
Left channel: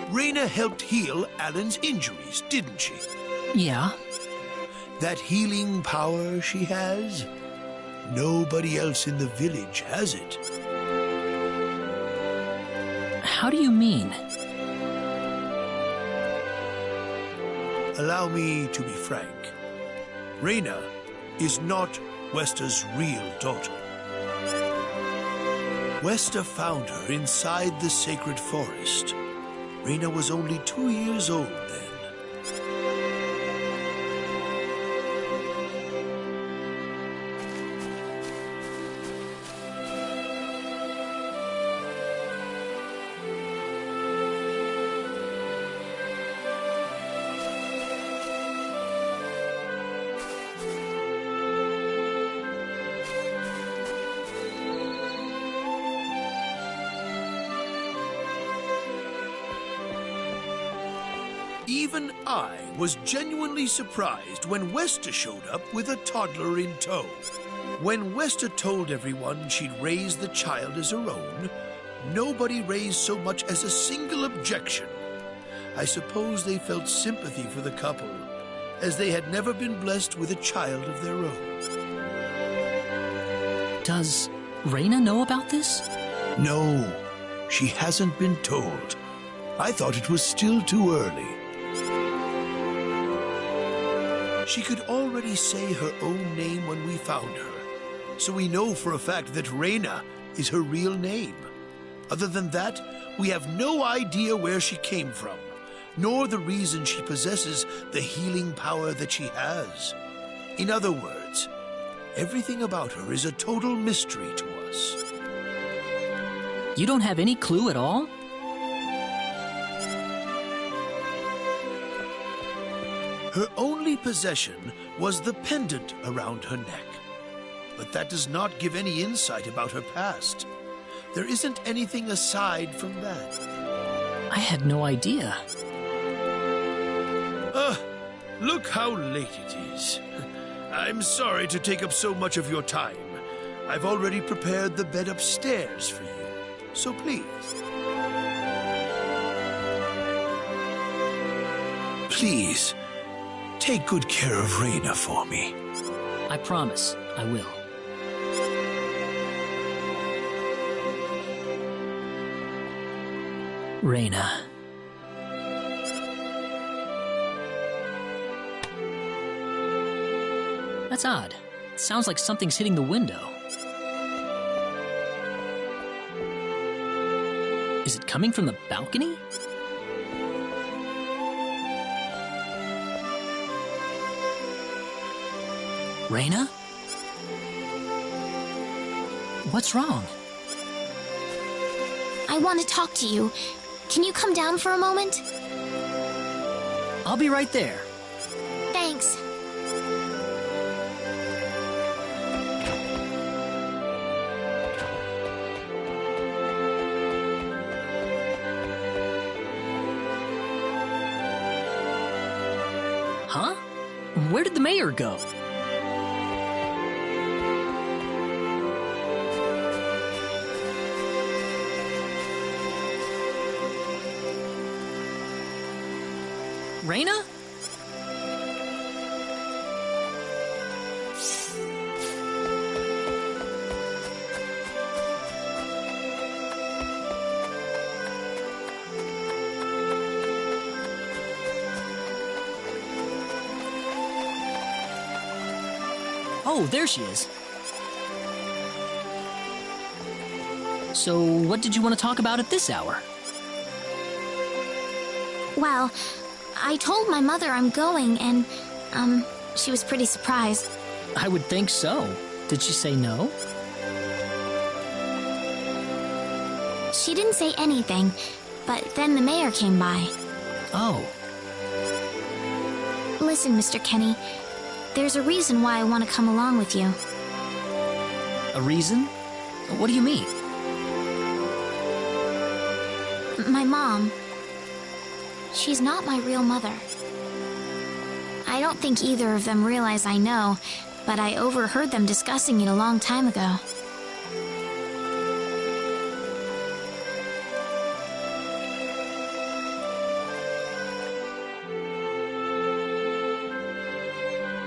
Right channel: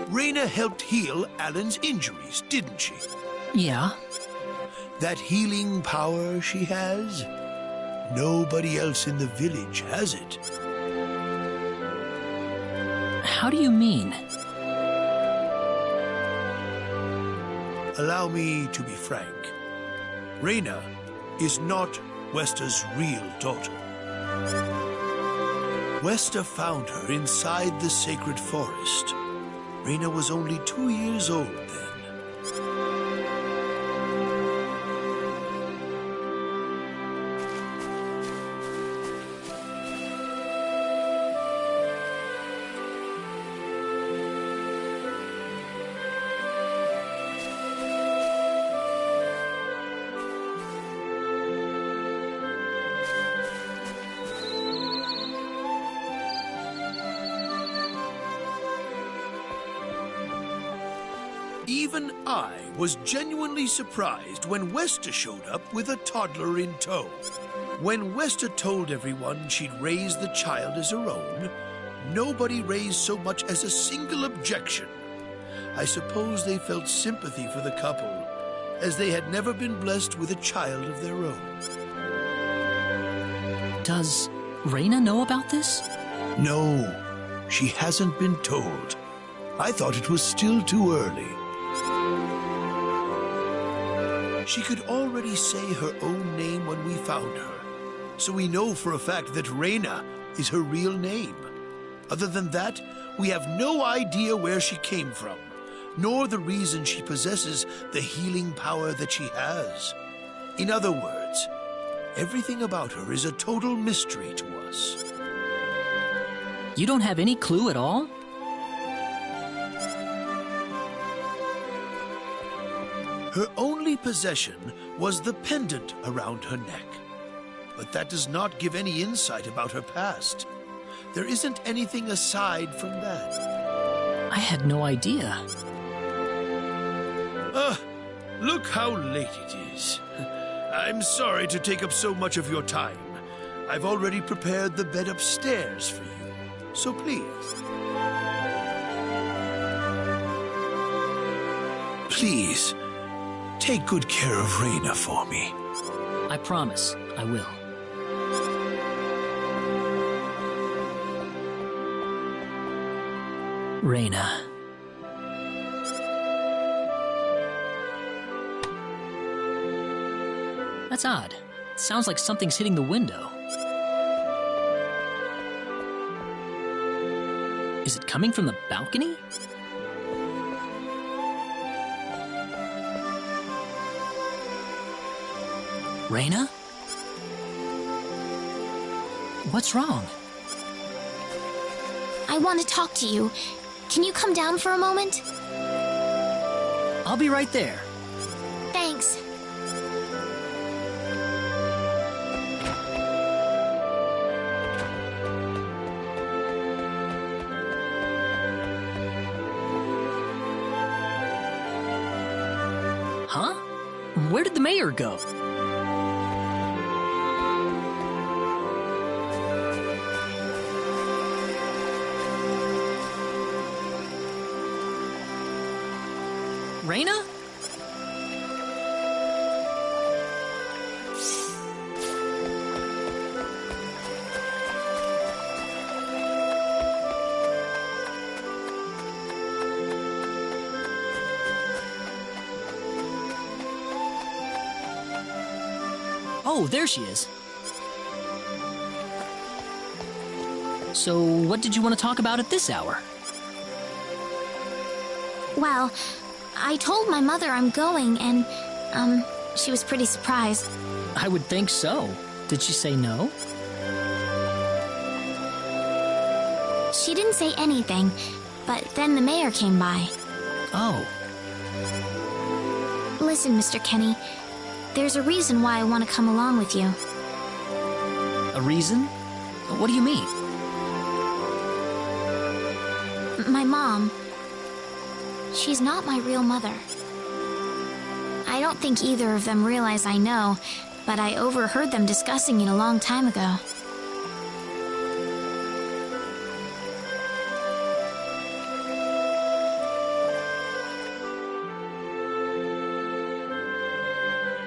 Raina helped heal Alan's injuries, didn't she? Yeah. That healing power she has, nobody else in the village has it. How do you mean? Allow me to be frank. Raina is not Wester's real daughter. Wester found her inside the sacred forest. Raina was only 2 years old then. Even I was genuinely surprised when Westa showed up with a toddler in tow. When Westa told everyone she'd raised the child as her own, nobody raised so much as a single objection. I suppose they felt sympathy for the couple, as they had never been blessed with a child of their own. Does Raina know about this? No, she hasn't been told. I thought it was still too early. She could already say her own name when we found her, so we know for a fact that Raina is her real name. Other than that, we have no idea where she came from, nor the reason she possesses the healing power that she has. In other words, everything about her is a total mystery to us. You don't have any clue at all? Her only possession was the pendant around her neck. But that does not give any insight about her past. There isn't anything aside from that. I had no idea. Look how late it is. I'm sorry to take up so much of your time. I've already prepared the bed upstairs for you, so please. Please, take good care of Raina for me. I promise I will. Raina. That's odd. It sounds like something's hitting the window. Is it coming from the balcony? Raina? What's wrong? I want to talk to you. Can you come down for a moment? I'll be right there. Thanks. Huh? Where did the mayor go? Raina? Oh, there she is. So, what did you want to talk about at this hour? Well, I told my mother I'm going, and, she was pretty surprised. I would think so. Did she say no? She didn't say anything, but then the mayor came by. Oh. Listen, Mr. Kenny, there's a reason why I want to come along with you. A reason? What do you mean? My mom. She's not my real mother. I don't think either of them realize I know, but I overheard them discussing it a long time ago.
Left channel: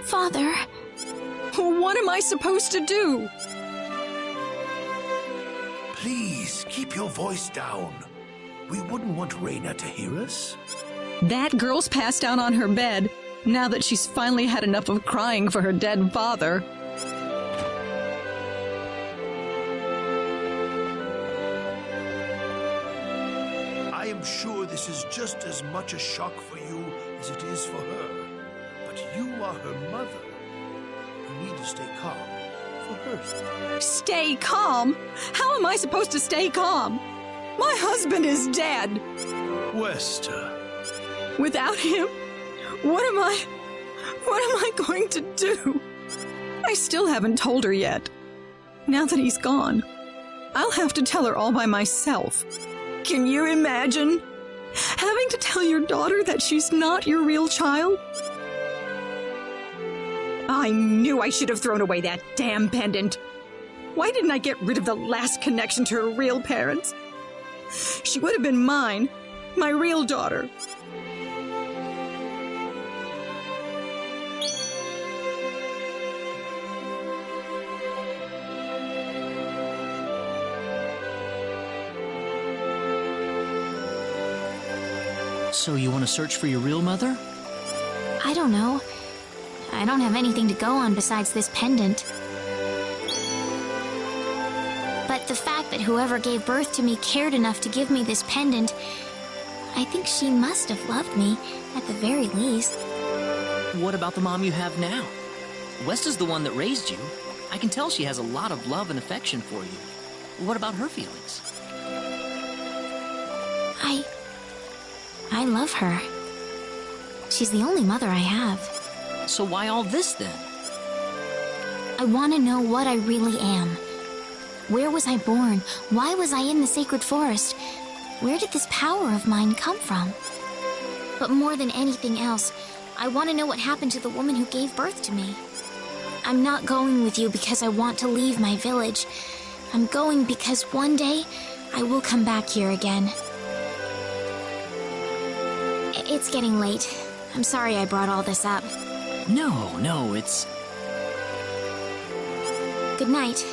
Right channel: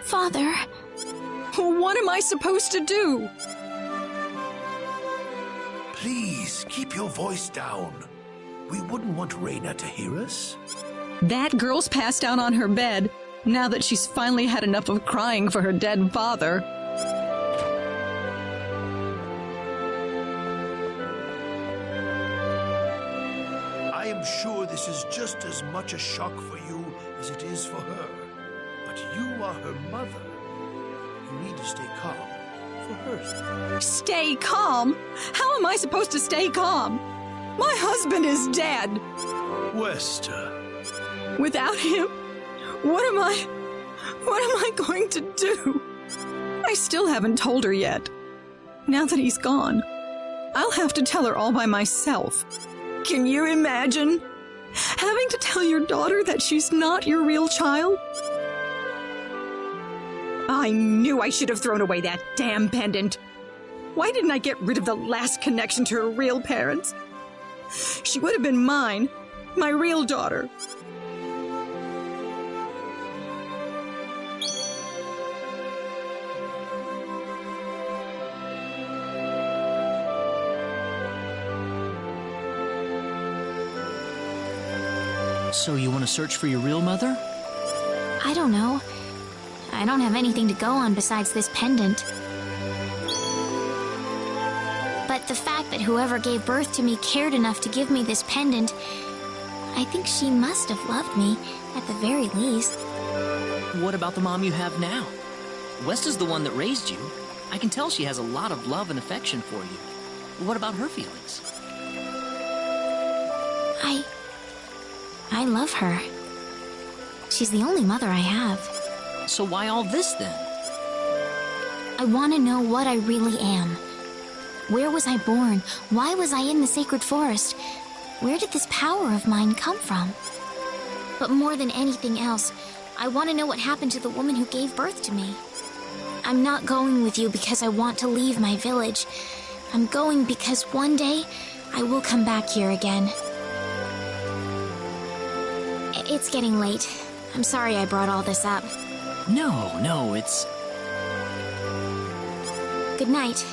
Father. What am I supposed to do? Please, keep your voice down. We wouldn't want Raina to hear us. That girl's passed out on her bed, now that she's finally had enough of crying for her dead father. I am sure this is just as much a shock for you as it is for her. But you are her mother. You need to stay calm for her sake. Stay calm? How am I supposed to stay calm? My husband is dead. Westa. Without him, what am I going to do? I still haven't told her yet. Now that he's gone, I'll have to tell her all by myself. Can you imagine? Having to tell your daughter that she's not your real child? I knew I should have thrown away that damn pendant. Why didn't I get rid of the last connection to her real parents? She would have been mine, my real daughter. So you want to search for your real mother? I don't know. I don't have anything to go on besides this pendant. But the fact that whoever gave birth to me cared enough to give me this pendant, I think she must have loved me, at the very least. What about the mom you have now? West is the one that raised you. I can tell she has a lot of love and affection for you. What about her feelings? I love her. She's the only mother I have. So why all this then? I want to know what I really am. Where was I born? Why was I in the sacred forest? Where did this power of mine come from? But more than anything else, I want to know what happened to the woman who gave birth to me. I'm not going with you because I want to leave my village. I'm going because one day I will come back here again. It's getting late. I'm sorry I brought all this up. No, it's... Good night.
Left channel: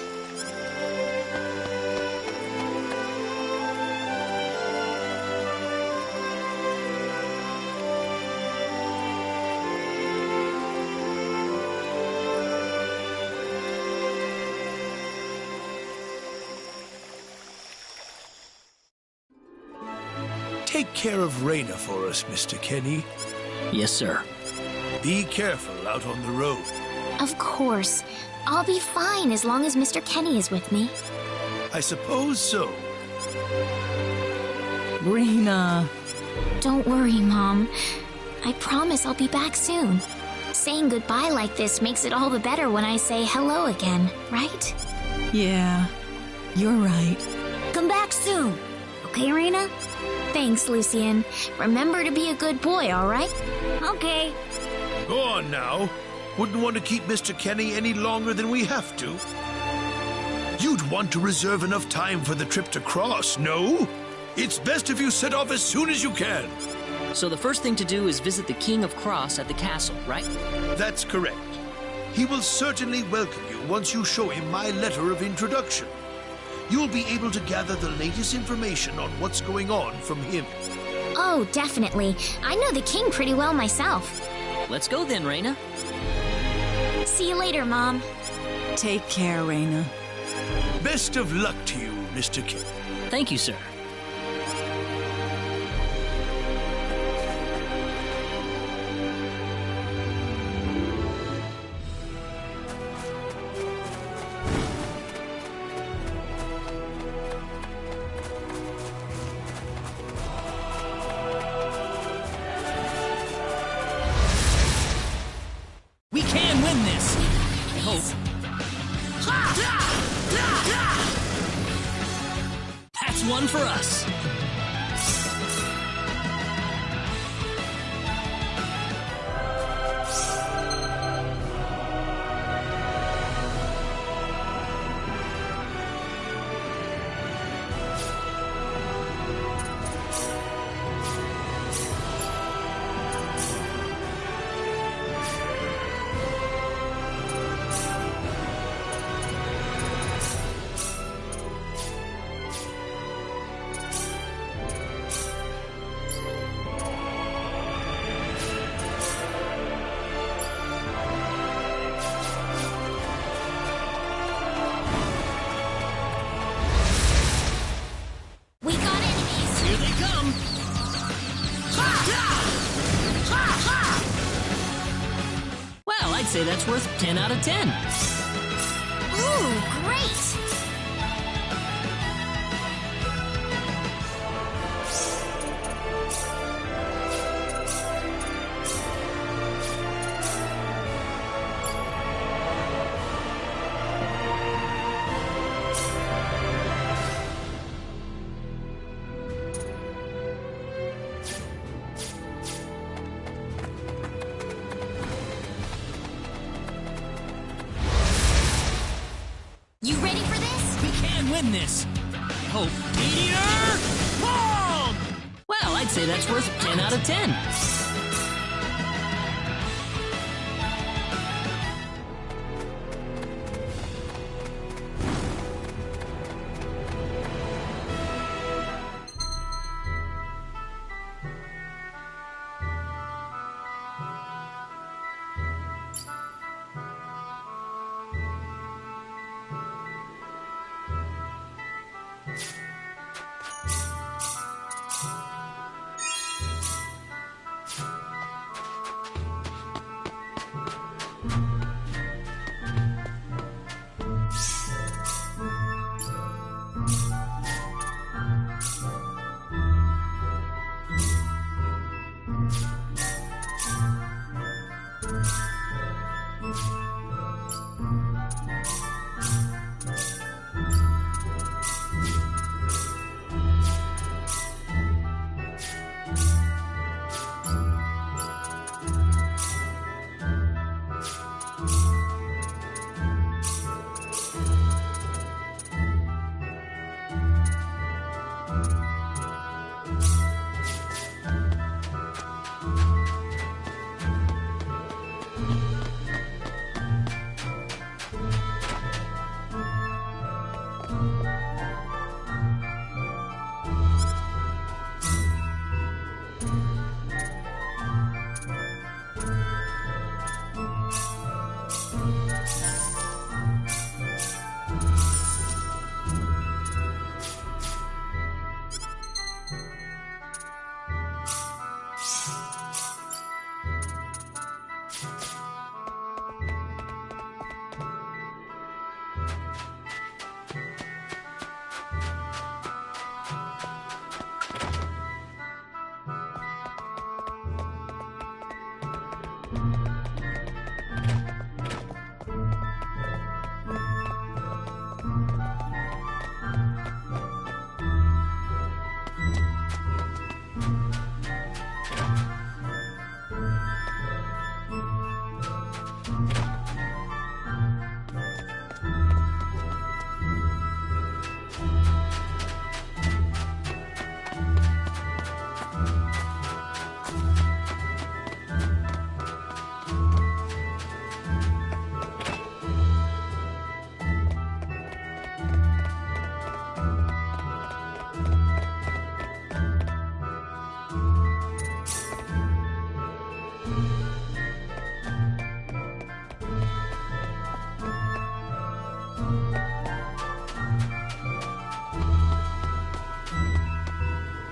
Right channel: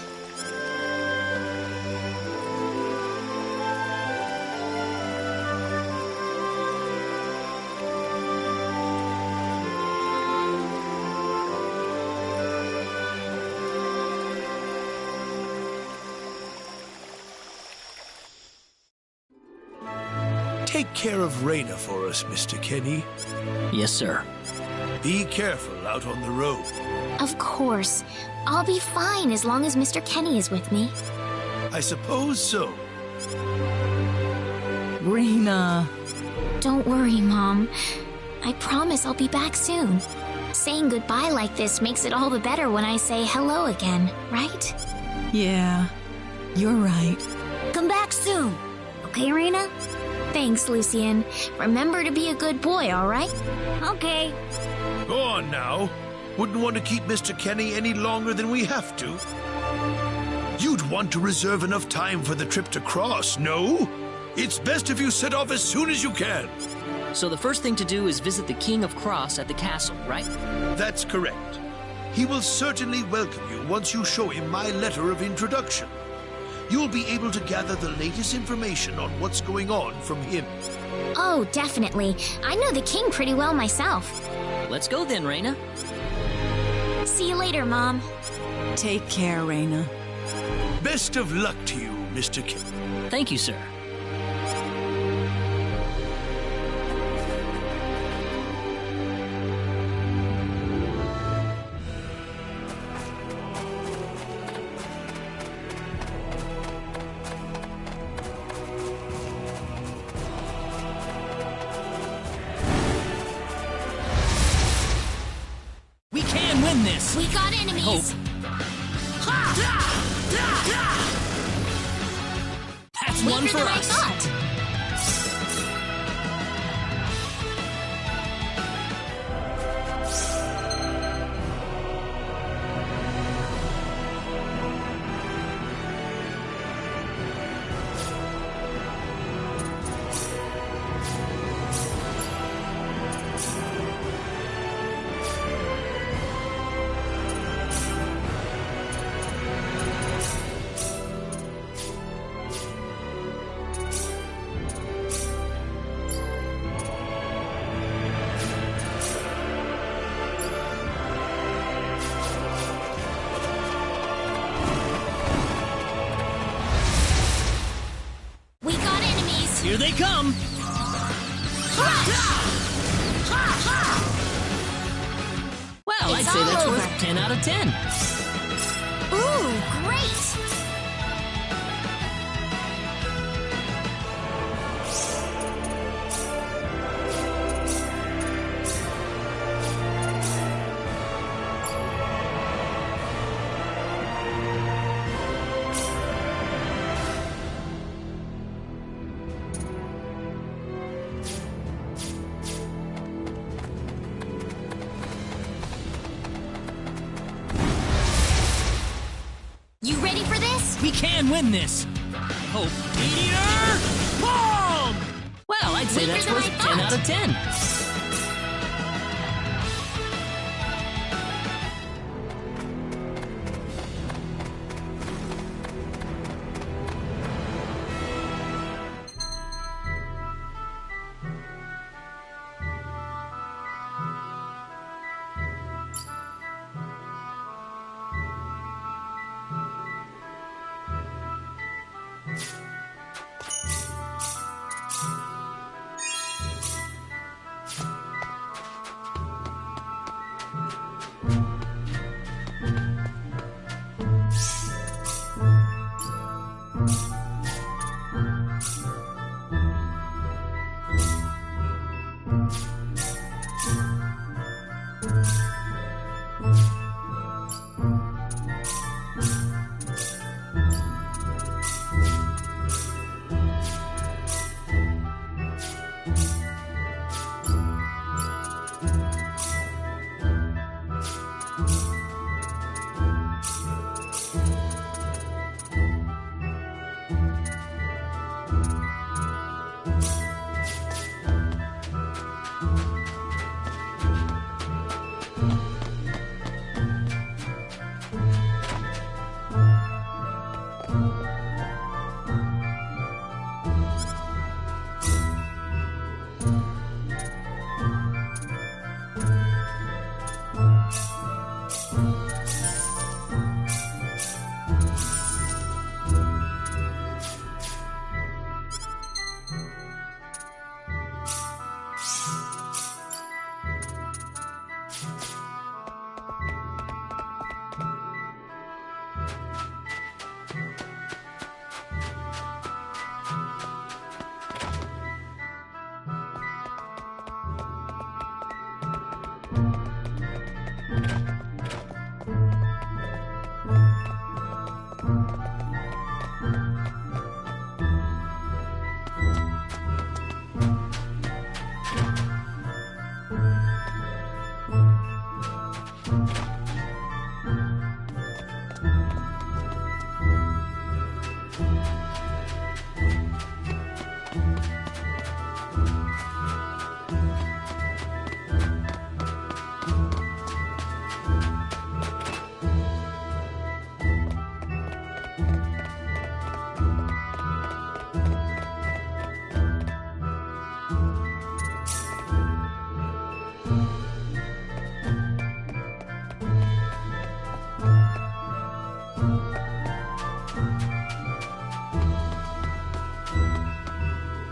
Take care of Raina for us, Mr. Kenny. Yes, sir. Be careful out on the road. Of course. I'll be fine as long as Mr. Kenny is with me. I suppose so. Raina. Don't worry, Mom. I promise I'll be back soon. Saying goodbye like this makes it all the better when I say hello again, right? Yeah, you're right. Come back soon. Okay, Raina? Thanks, Lucien. Remember to be a good boy, all right? Okay. Go on now. Wouldn't want to keep Mr. Kenny any longer than we have to. You'd want to reserve enough time for the trip to Cross, no? It's best if you set off as soon as you can. So the first thing to do is visit the King of Cross at the castle, right? That's correct. He will certainly welcome you once you show him my letter of introduction. You'll be able to gather the latest information on what's going on from him. Oh, definitely. I know the king pretty well myself. Let's go then, Raina. See you later, Mom. Take care, Raina. Best of luck to you, Mr. Kenny. Thank you, sir. We can win this! We got enemies! That's one for us! Here they come! Well, I'd say that's worth 10 out of 10. Ooh, great! We can win this! I hope. Meteor Palm! Well, I'd say that's worth 10 out of 10.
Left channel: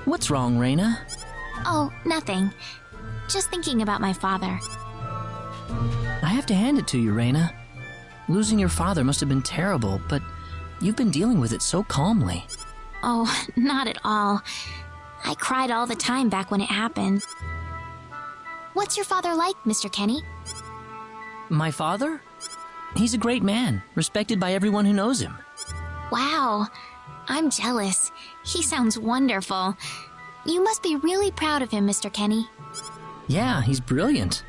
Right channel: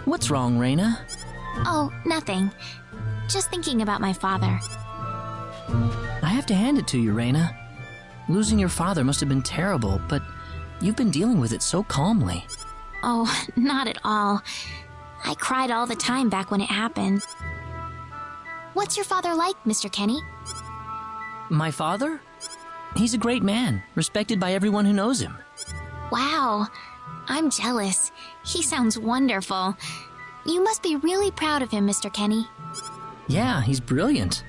What's wrong, Reina? Oh, nothing. Just thinking about my father. I have to hand it to you, Reina. Losing your father must have been terrible, but you've been dealing with it so calmly. Oh, not at all. I cried all the time back when it happened. What's your father like, Mr. Kenny? My father? He's a great man, respected by everyone who knows him. Wow. I'm jealous. He sounds wonderful. You must be really proud of him, Mr. Kenny. Yeah, he's brilliant.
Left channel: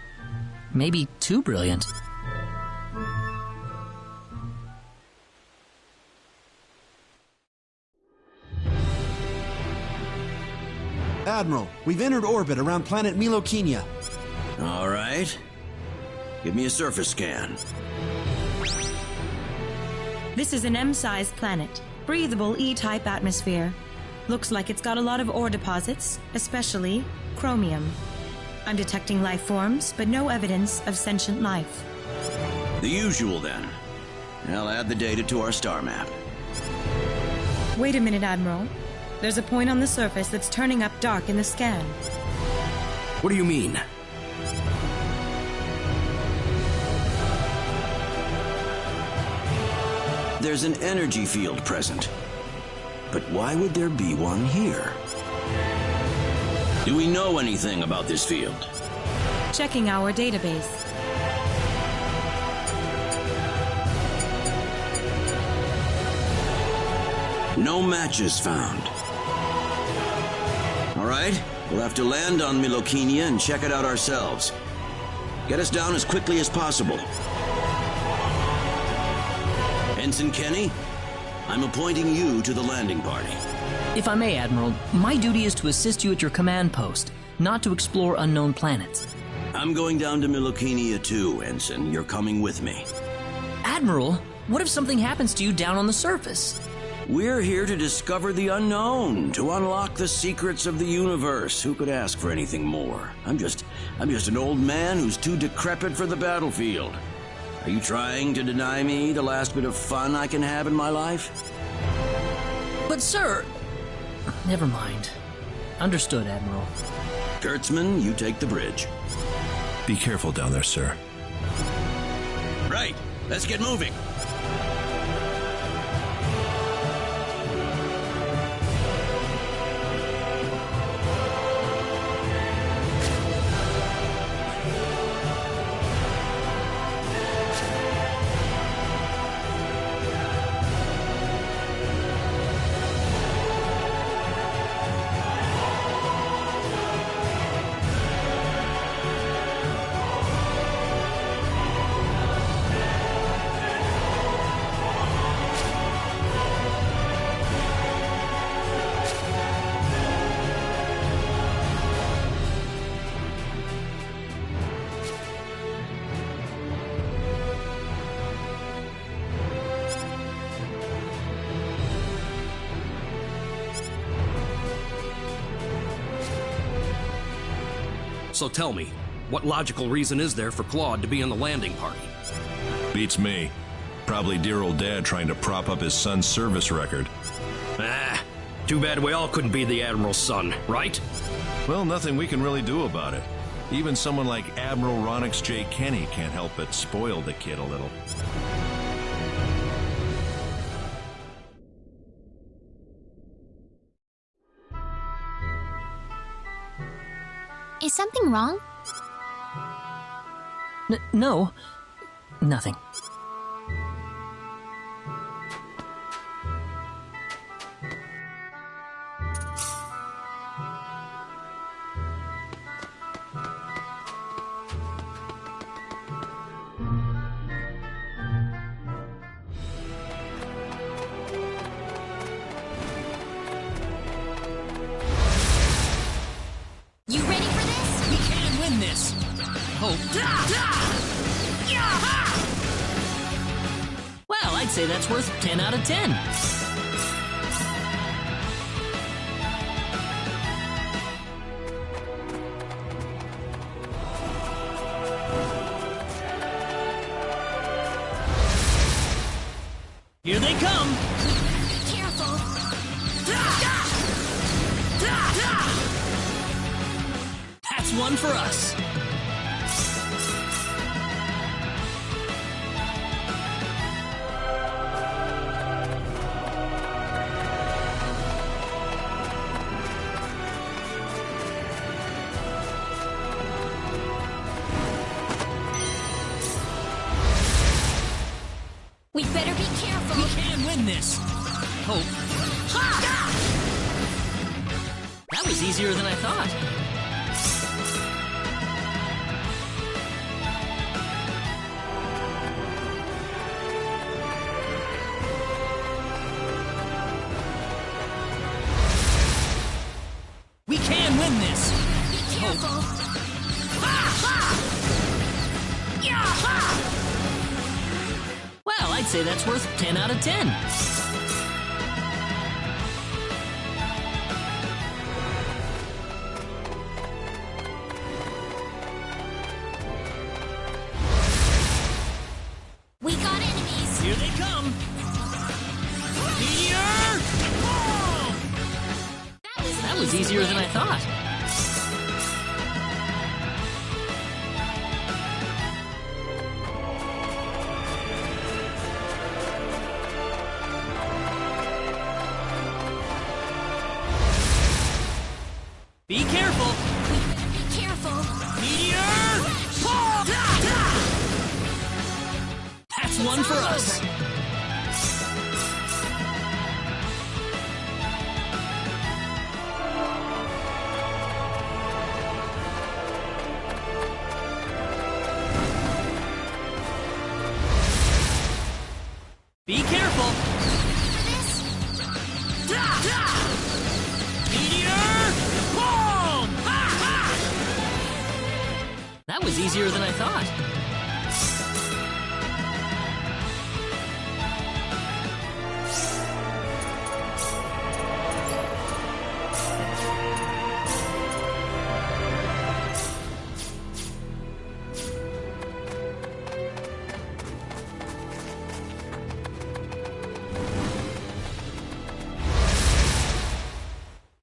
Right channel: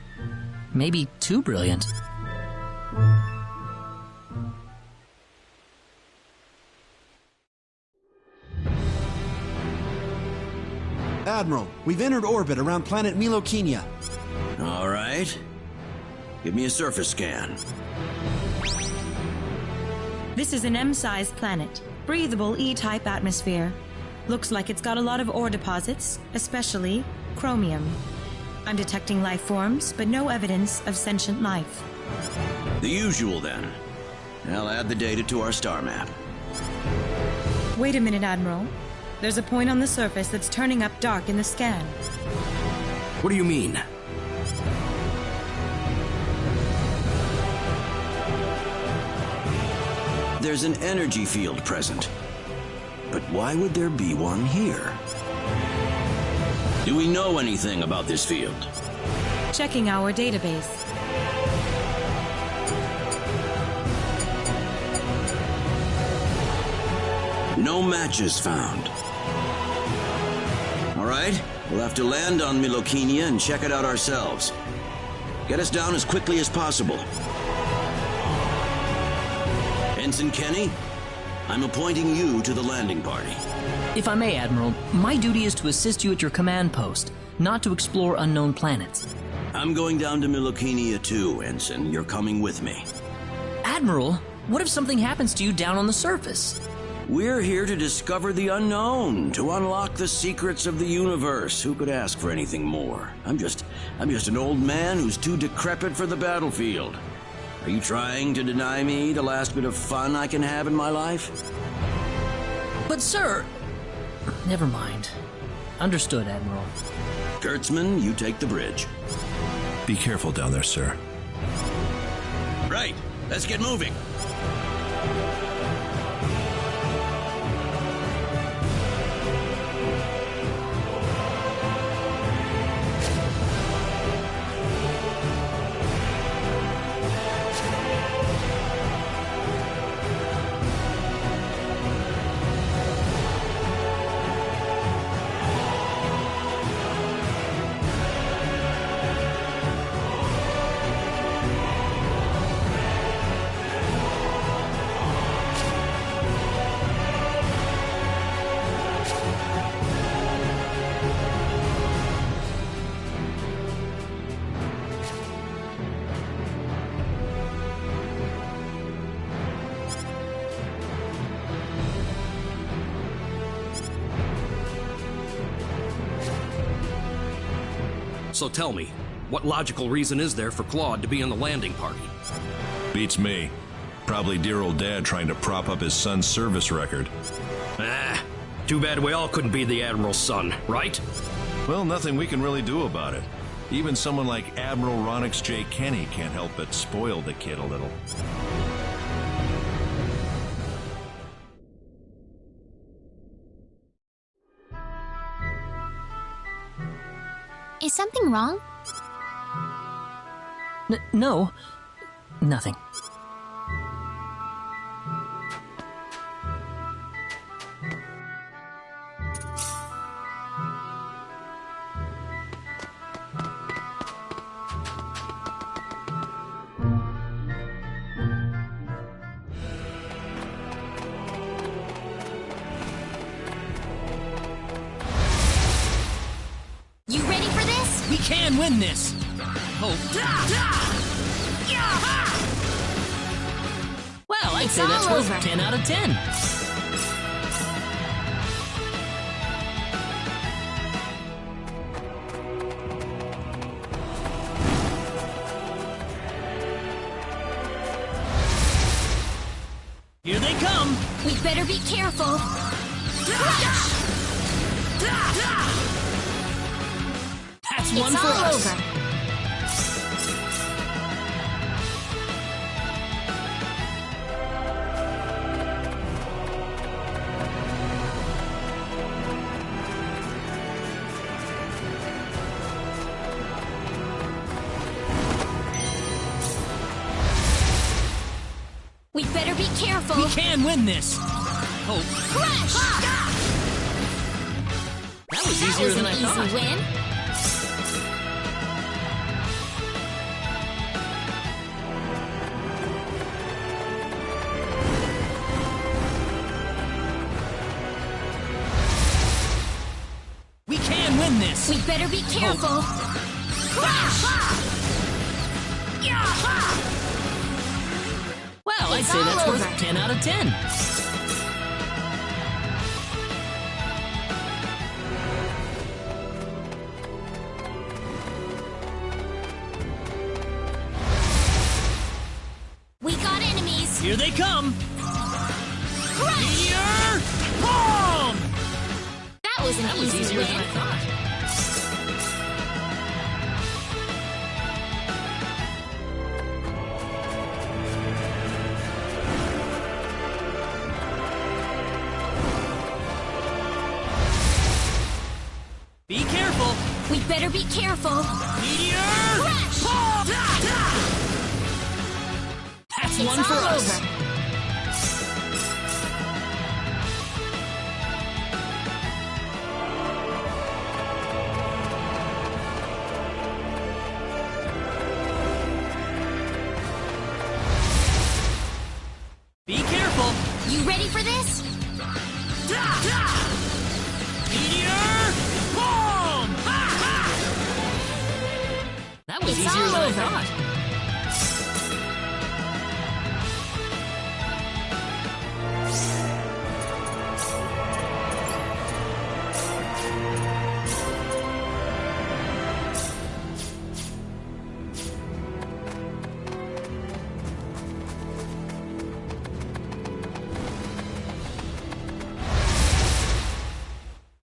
Maybe too brilliant. Admiral, we've entered orbit around planet Milokenia. All right. Give me a surface scan. This is an M-sized planet. Breathable E-type atmosphere. Looks like it's got a lot of ore deposits, especially chromium. I'm detecting life forms, but no evidence of sentient life. The usual, then. I'll add the data to our star map. Wait a minute, Admiral. There's a point on the surface that's turning up dark in the scan. What do you mean? There's an energy field present. But why would there be one here? Do we know anything about this field? Checking our database. No matches found. All right, we'll have to land on Milokenia and check it out ourselves. Get us down as quickly as possible. Ensign Kenny, I'm appointing you to the landing party. If I may, Admiral, my duty is to assist you at your command post, not to explore unknown planets. I'm going down to Milokinia too, Ensign. You're coming with me. Admiral, what if something happens to you down on the surface? We're here to discover the unknown, to unlock the secrets of the universe. Who could ask for anything more? I'm just an old man who's too decrepit for the battlefield. Are you trying to deny me the last bit of fun I can have in my life? But sir... Never mind. Understood, Admiral. Kurtzman, you take the bridge. Be careful down there, sir. Right. Let's get moving. So tell me, what logical reason is there for Claude to be in the landing party? Beats me. Probably dear old dad trying to prop up his son's service record. Too bad we all couldn't be the Admiral's son, right? Well, nothing we can really do about it. Even someone like Admiral Ronix J. Kenny can't help but spoil the kid a little. Is something wrong? No. Nothing. You ready for this? We can win this! Hope. Well, I'd say that's worth 10 out of 10. Here they come! We better be careful. That's one for us. Over. We better be careful. We can win this. Hope. That was easier than I thought. Win. We can win this. We better be careful. Well, I'd say that's worth 10 out of 10. We got enemies. Here they come. Meteor! Boom! That was easier than I thought. Be careful! We better be careful. Meteor! Boom! That's one for us. Over. Be careful! You ready for this? was easier than I thought.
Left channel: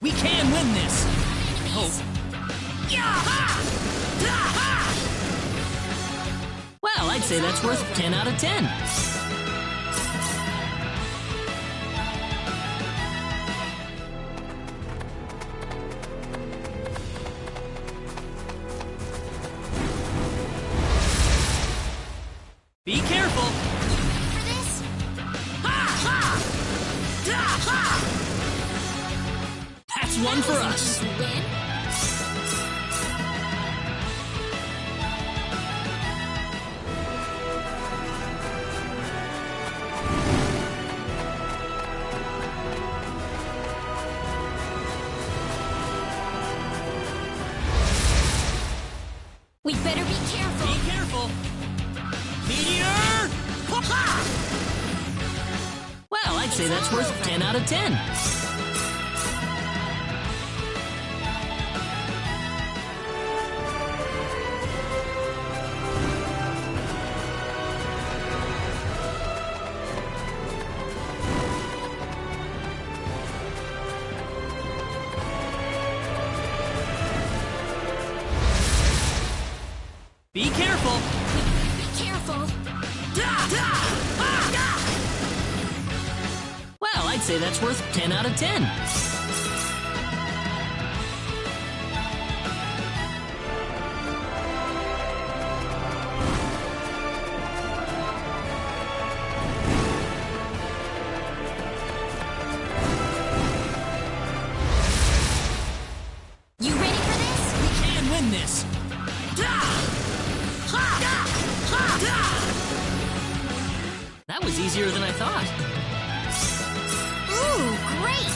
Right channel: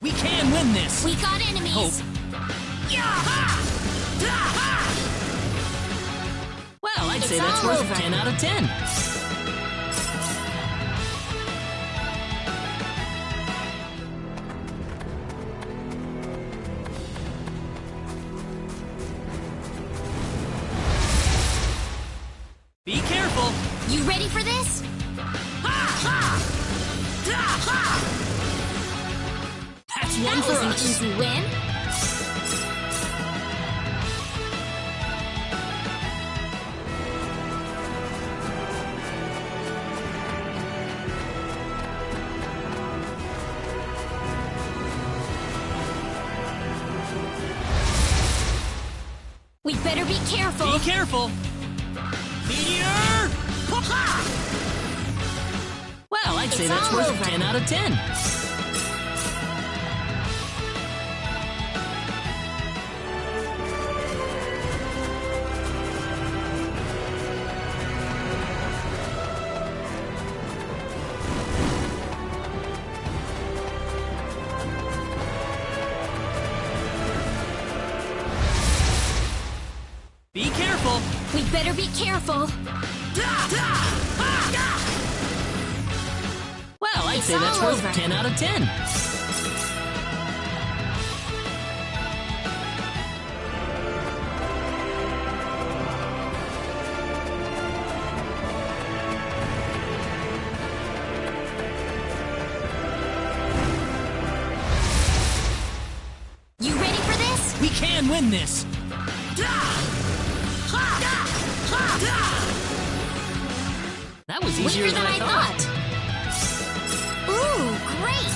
We can win this! We got enemies! Hope. Well, I'd say that's worth 10 out of 10. Be careful! You ready for this? That's one That for was an us! easy win. We better be careful. Be careful! Meteor! Well, I'd say that's worth 10 out of 10. Be careful! We better be careful. Well, I'd say that's worth 10 out of 10. You ready for this? We can win this! That was easier than I thought. Ooh, great!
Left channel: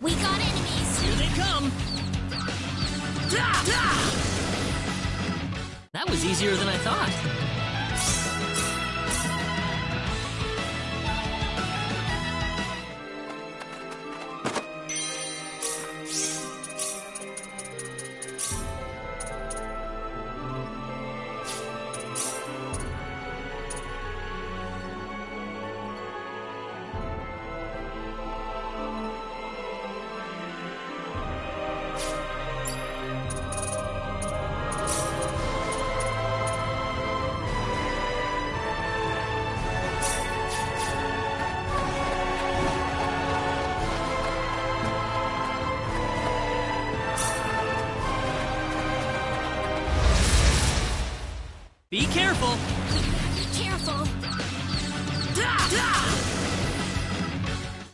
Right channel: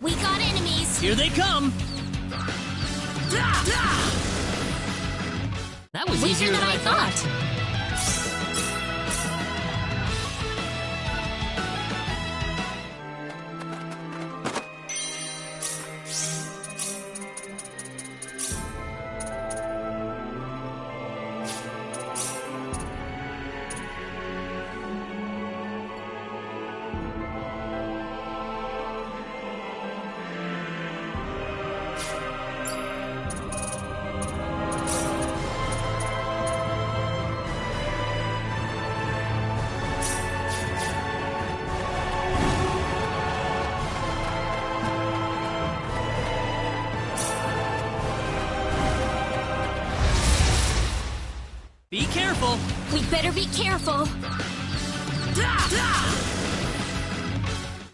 We got enemies! Here they come! That was easier than I thought. Be careful! We better be careful.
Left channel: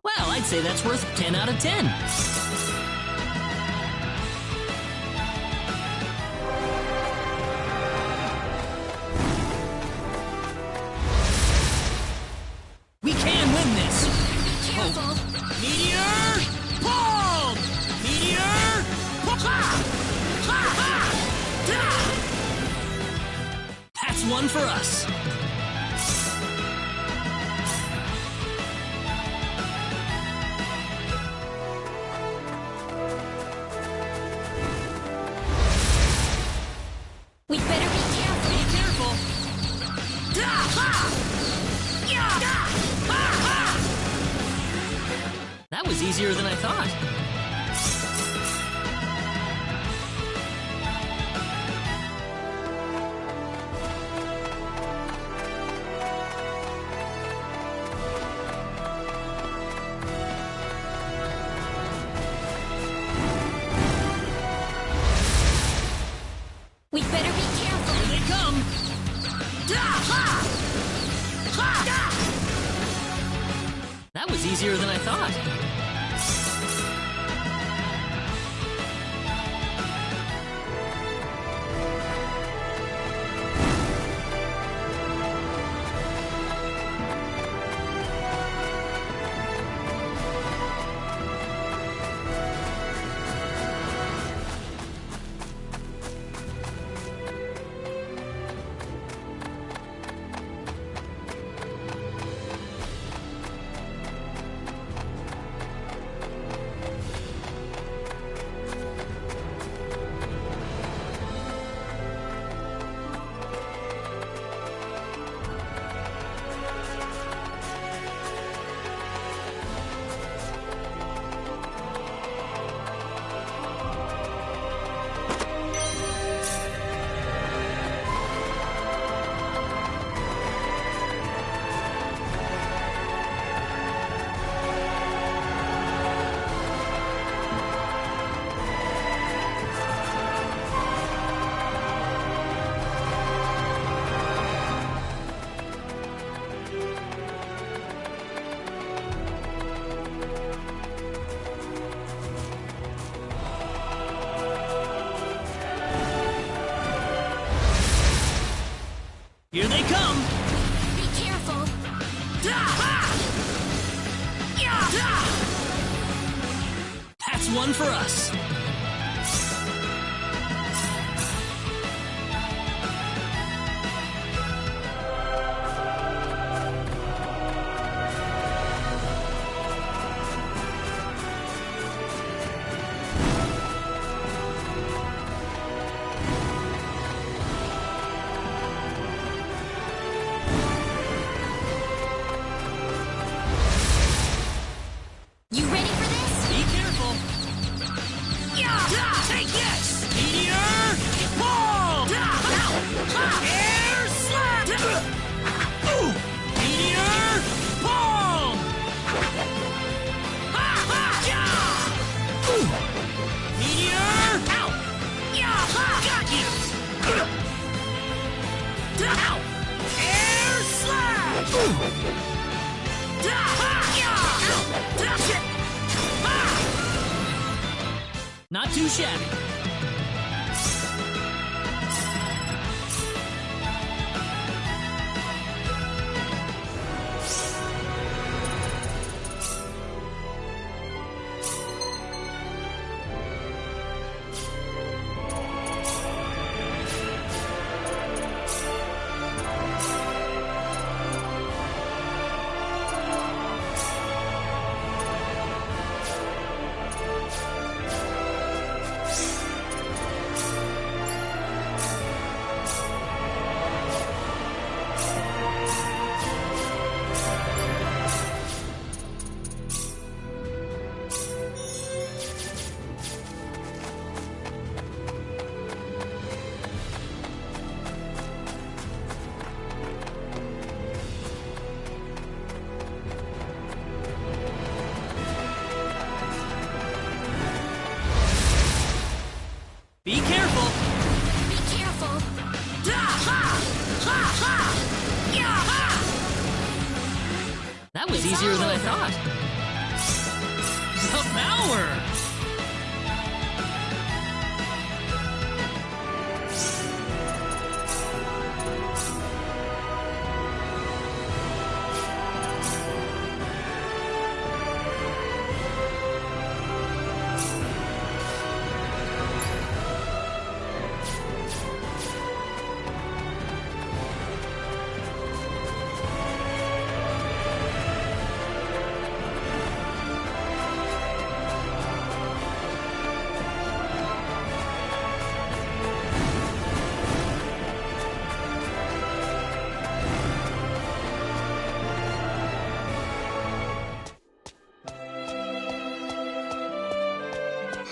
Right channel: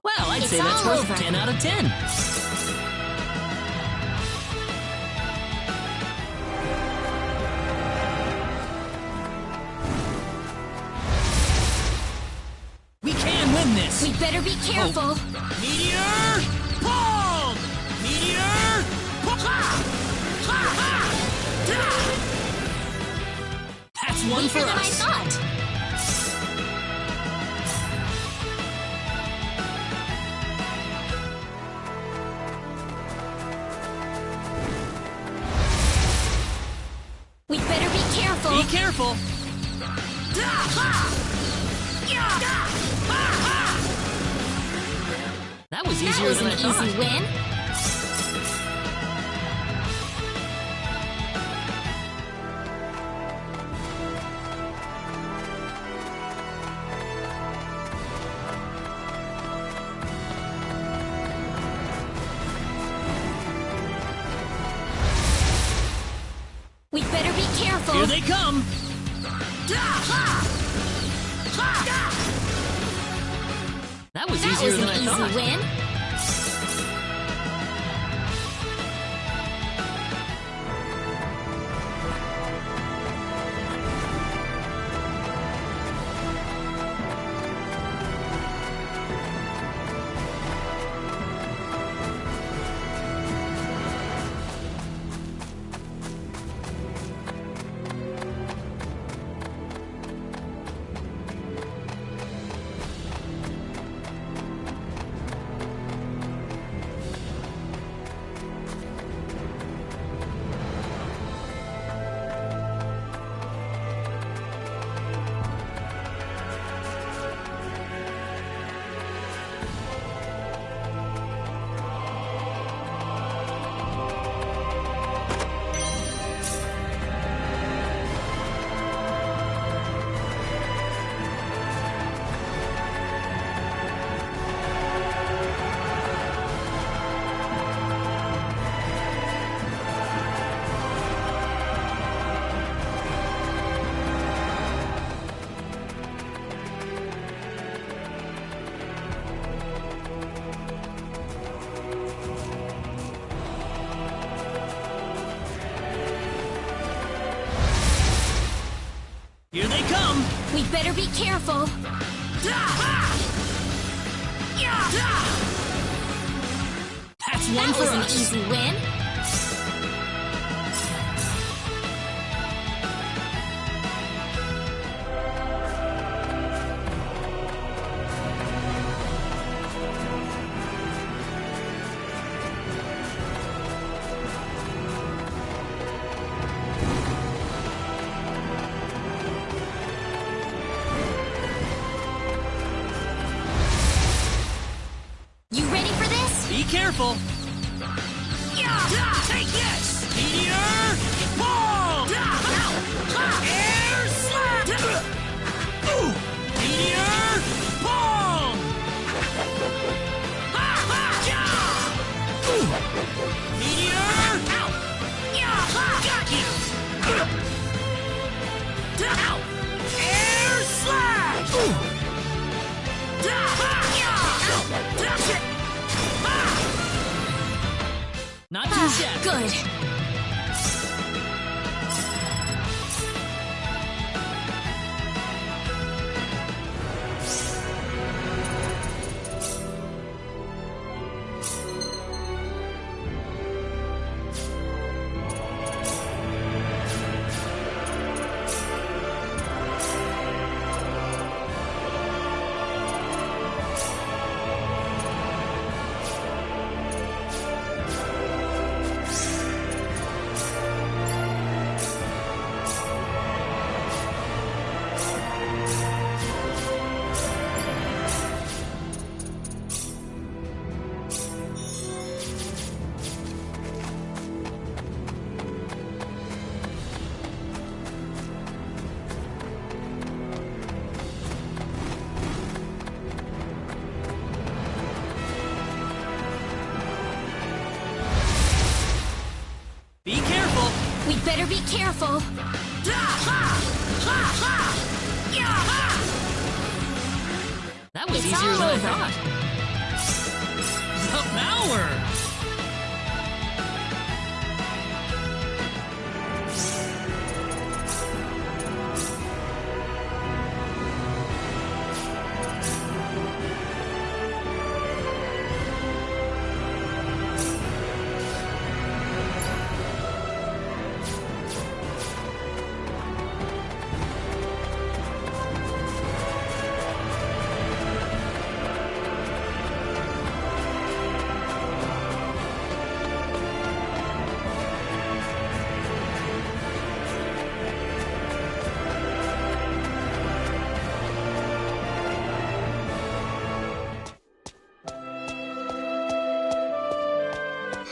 Well, I'd say that's worth 10 out of 10. We can win this! We better be careful. Meteor! Palm! Meteor! That's one for us. We better be careful. Be careful! easier than I thought. Easy win. We'd better be careful. Here they come! That was easier than I thought. Easy win. Here they come! We'd better be careful. That's one for us. Easy win. You ready for this? Be careful! Take this! Meteor! Ball! Air slap! Meteor! Ball! Meteor! Ow! Got you! Ow! Air slash! Not too shabby. Good. Be careful! We'd better be careful. That was It's easier all than I over. thought. The power!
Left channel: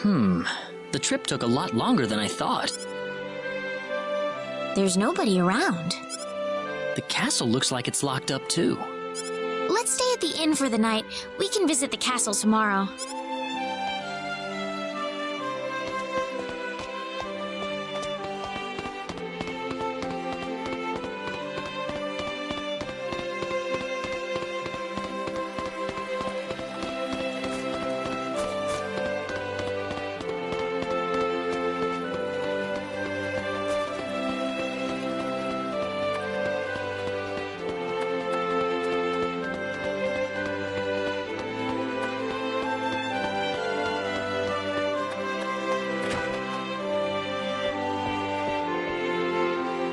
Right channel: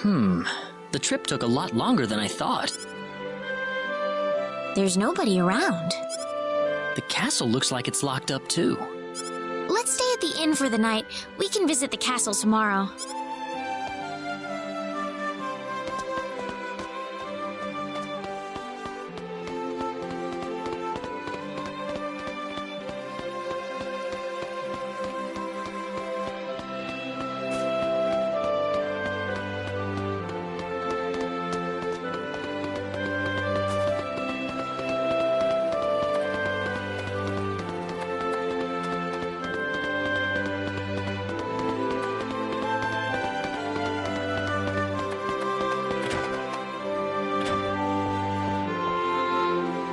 The trip took a lot longer than I thought. There's nobody around. The castle looks like it's locked up too. Let's stay at the inn for the night. We can visit the castle tomorrow.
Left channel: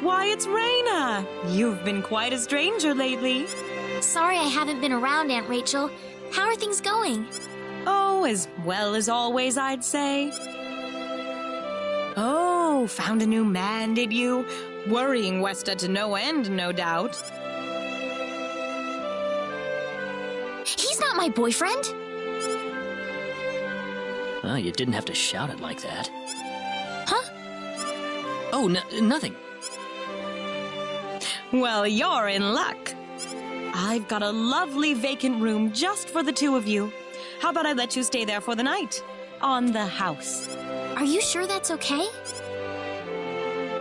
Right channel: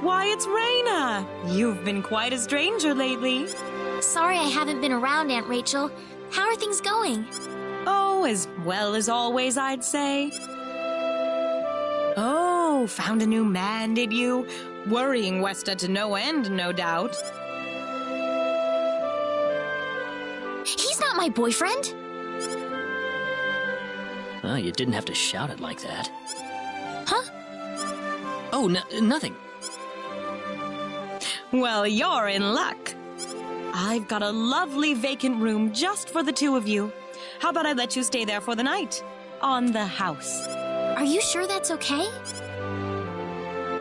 Why, it's Raina! You've been quite a stranger lately. Sorry I haven't been around, Aunt Rachel. How are things going? Oh, as well as always, I'd say. Oh, found a new man, did you? Worrying Westa to no end, no doubt. He's not my boyfriend. Oh, you didn't have to shout it like that. Huh? Oh, nothing. Well, you're in luck. I've got a lovely vacant room just for the two of you. How about I let you stay there for the night? On the house. Are you sure that's okay?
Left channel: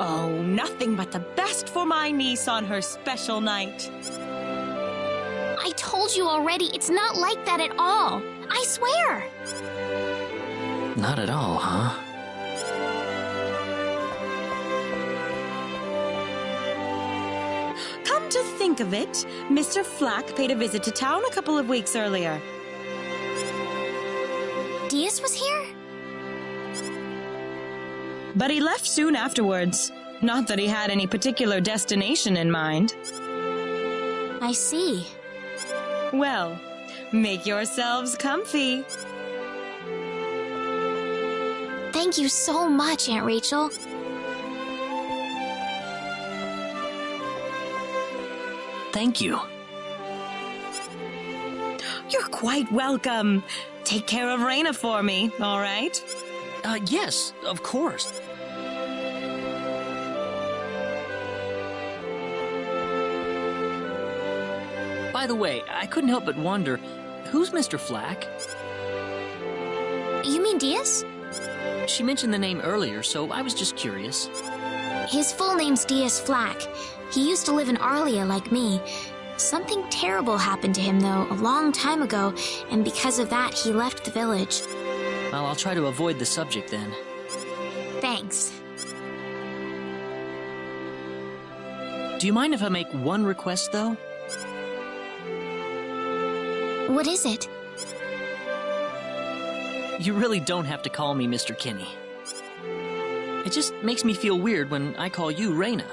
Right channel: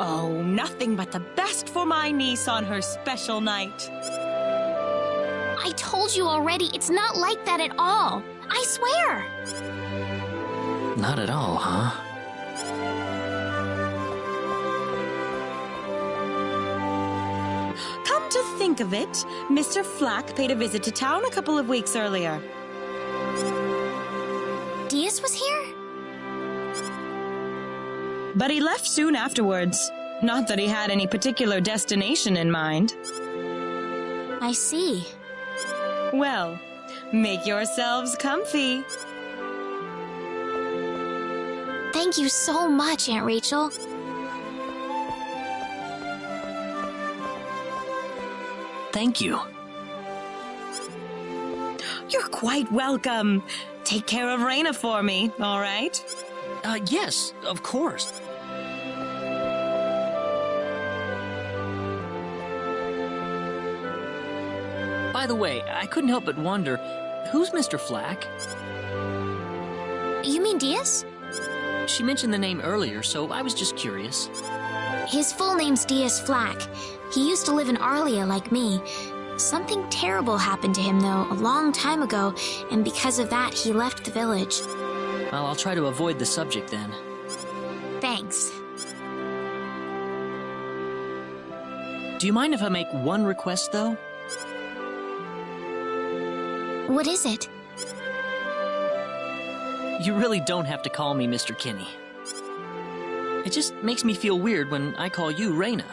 Oh, nothing but the best for my niece on her special night. I told you already, it's not like that at all. I swear. Not at all, huh? Come to think of it, Mr. Flack paid a visit to town a couple of weeks earlier. Diaz was here? But he left soon afterwards. Not that he had any particular destination in mind. I see. Well, make yourselves comfy. Thank you so much, Aunt Rachel. Thank you. You're quite welcome. Take care of Raina for me, all right? Yes, of course. By the way, I couldn't help but wonder, who's Mr. Flack? You mean Diaz? She mentioned the name earlier, so I was just curious. His full name's Diaz Flack. He used to live in Arlia like me. Something terrible happened to him, though, a long time ago, and because of that, he left the village. Well, I'll try to avoid the subject then. Thanks. Do you mind if I make one request, though? What is it? You really don't have to call me Mr. Kenny. It just makes me feel weird when I call you Raina.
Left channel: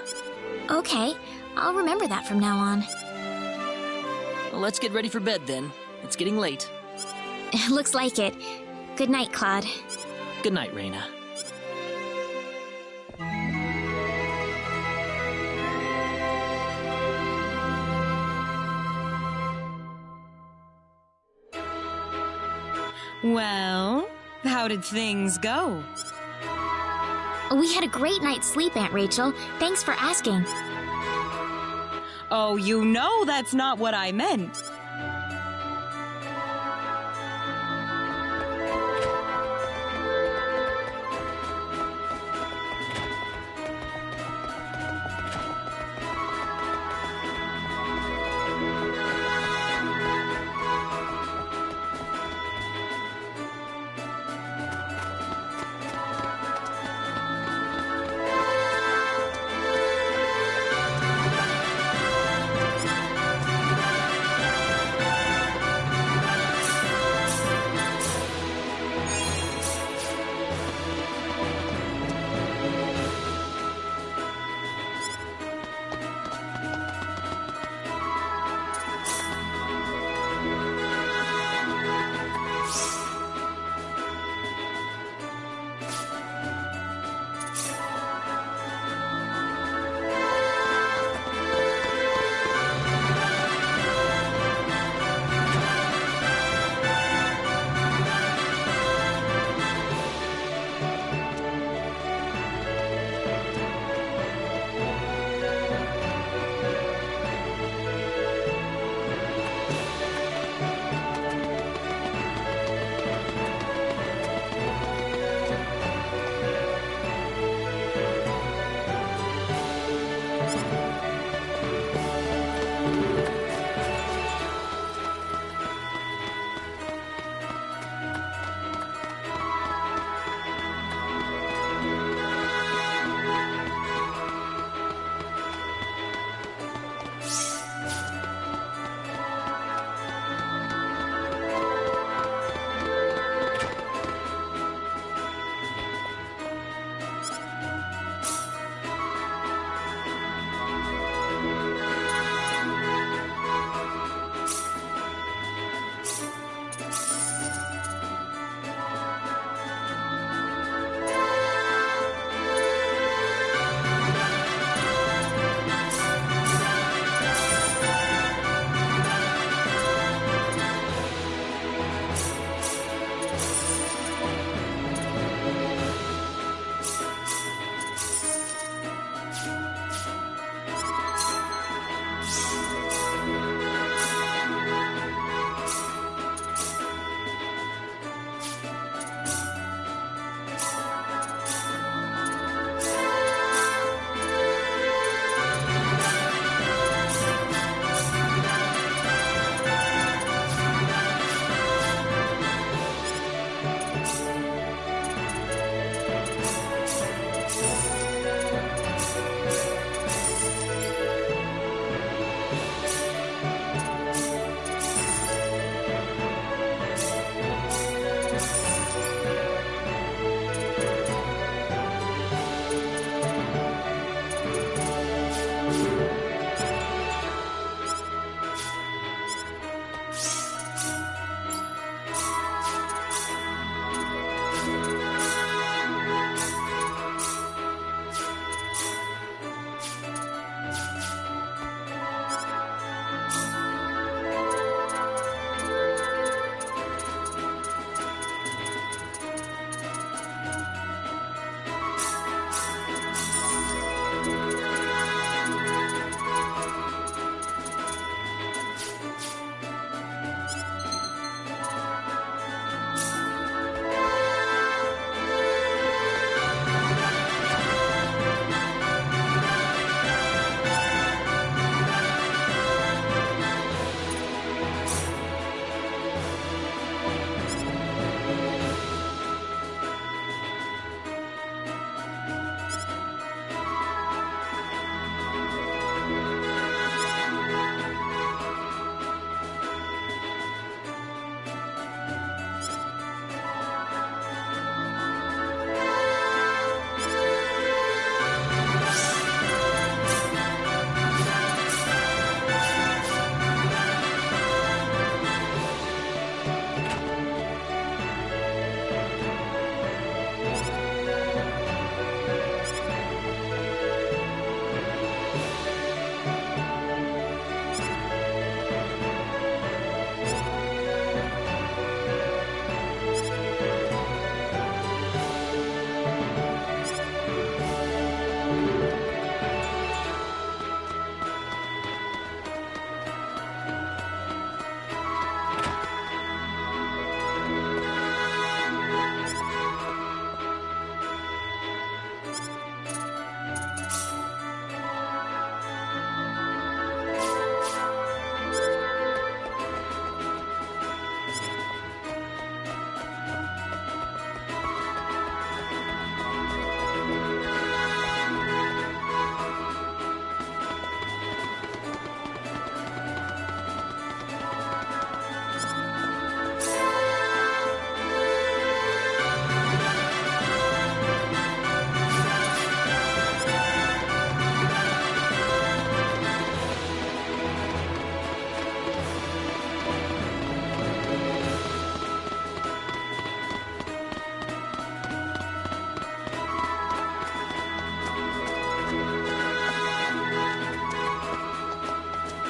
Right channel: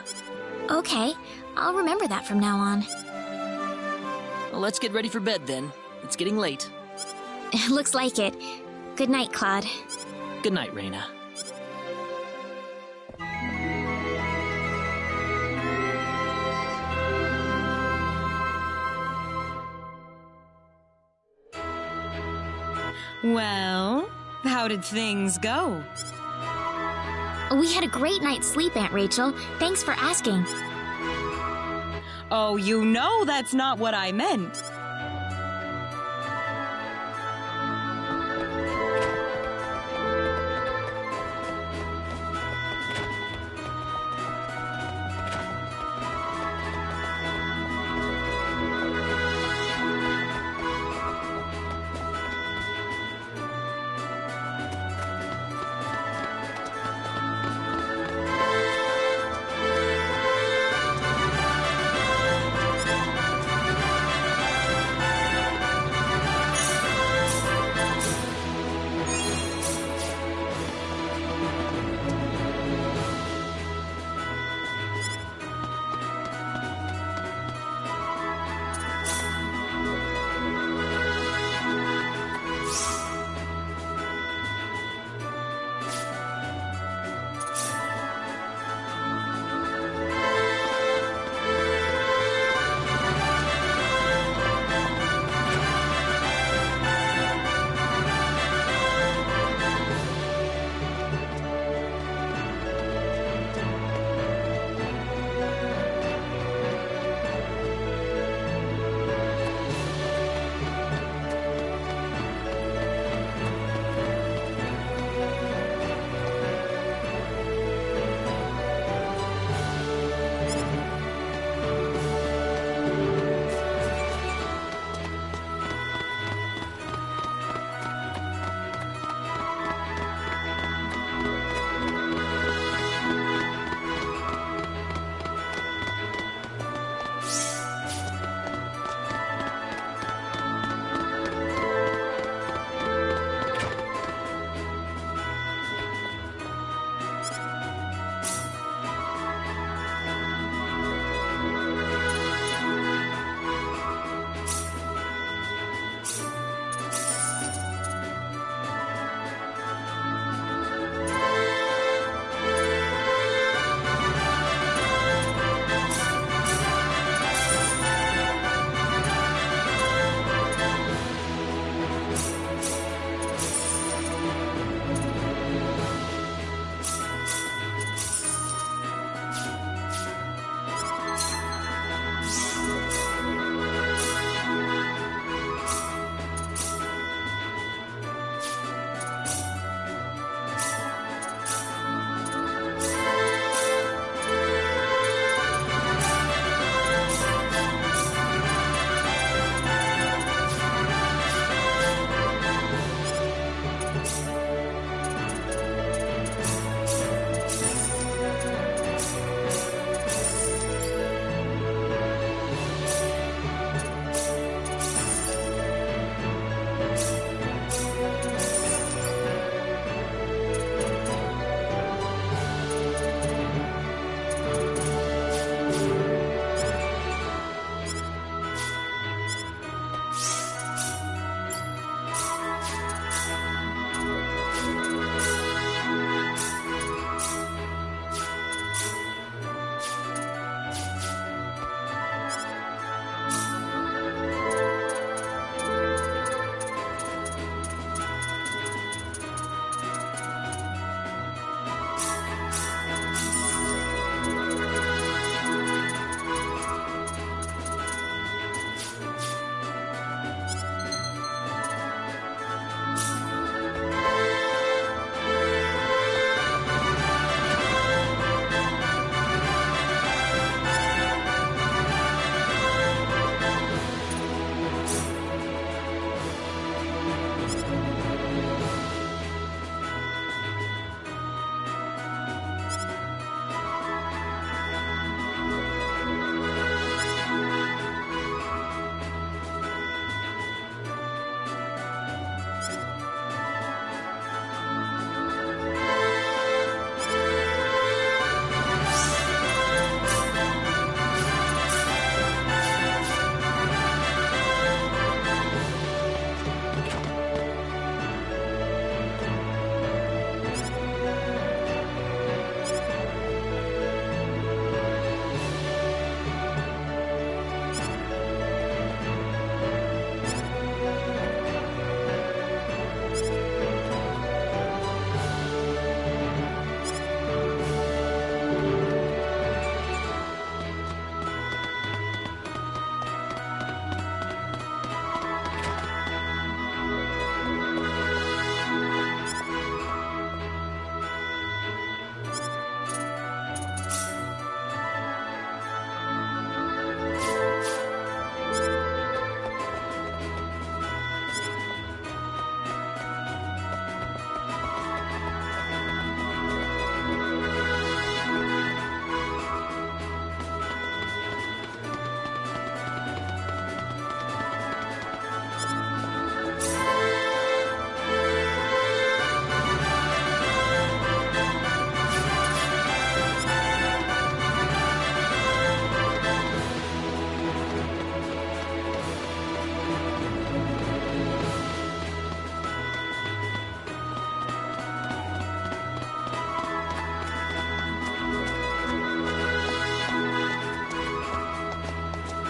Okay, I'll remember that from now on. Well, let's get ready for bed then. It's getting late. Looks like it. Good night, Claude. Good night, Raina. Well, how did things go? We had a great night's sleep, Aunt Rachel. Thanks for asking. Oh, you know that's not what I meant.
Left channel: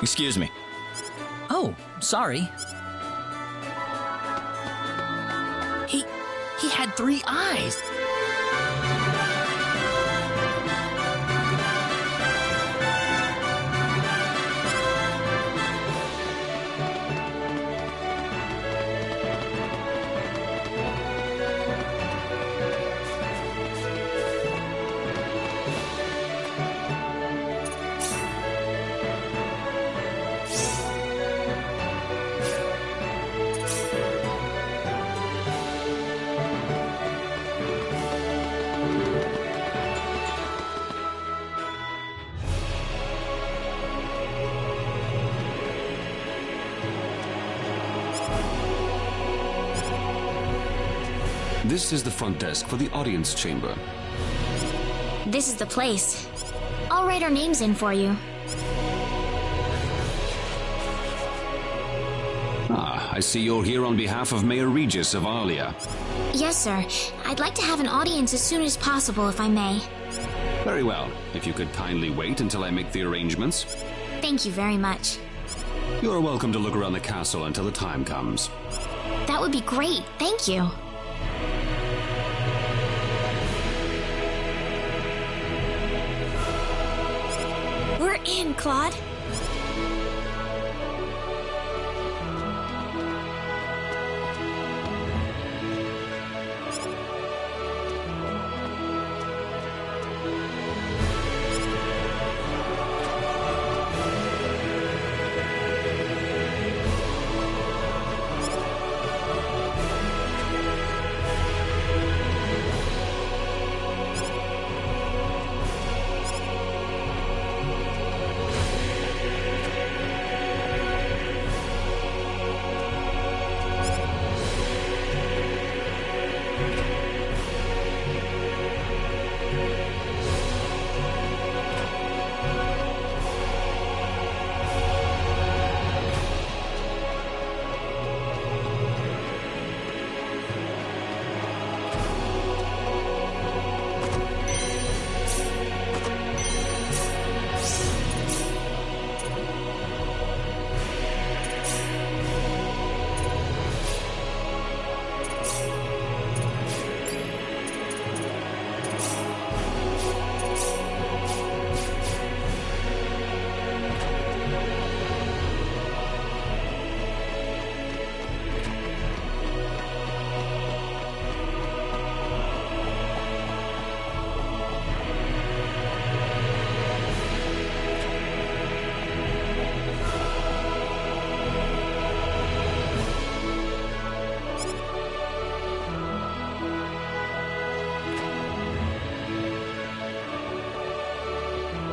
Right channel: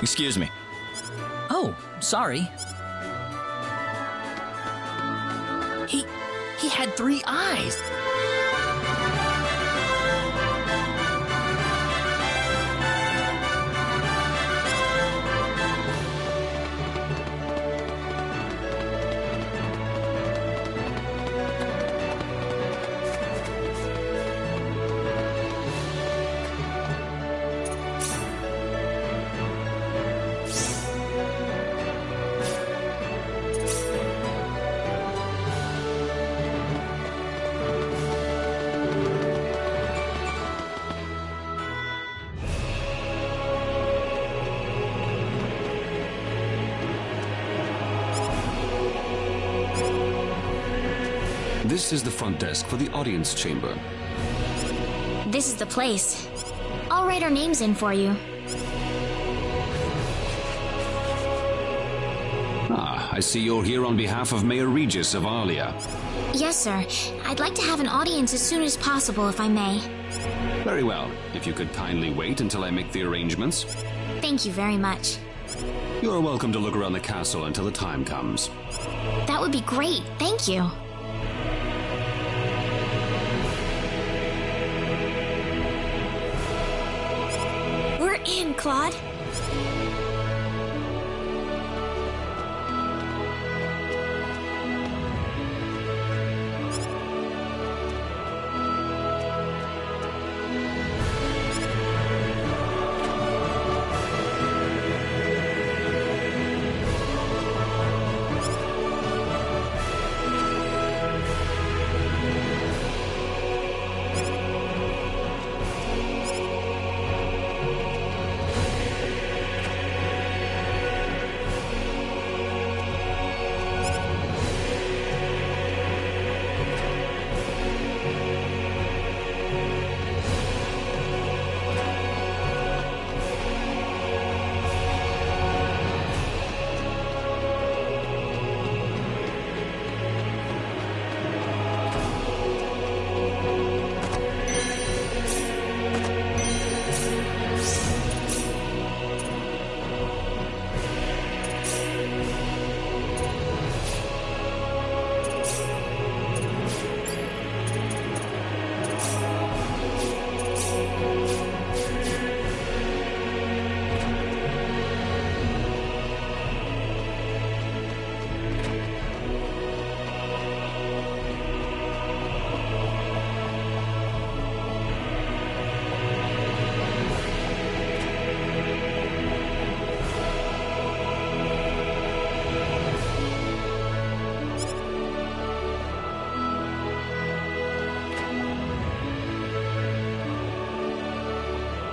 Excuse me. Oh, sorry. He had 3 eyes. This is the front desk for the audience chamber. This is the place. I'll write our names in for you. Ah, I see you're here on behalf of Mayor Regis of Arlia. Yes, sir. I'd like to have an audience as soon as possible, if I may. Very well. If you could kindly wait until I make the arrangements. Thank you very much. You're welcome to look around the castle until the time comes. That would be great. Thank you. We're in, Claude.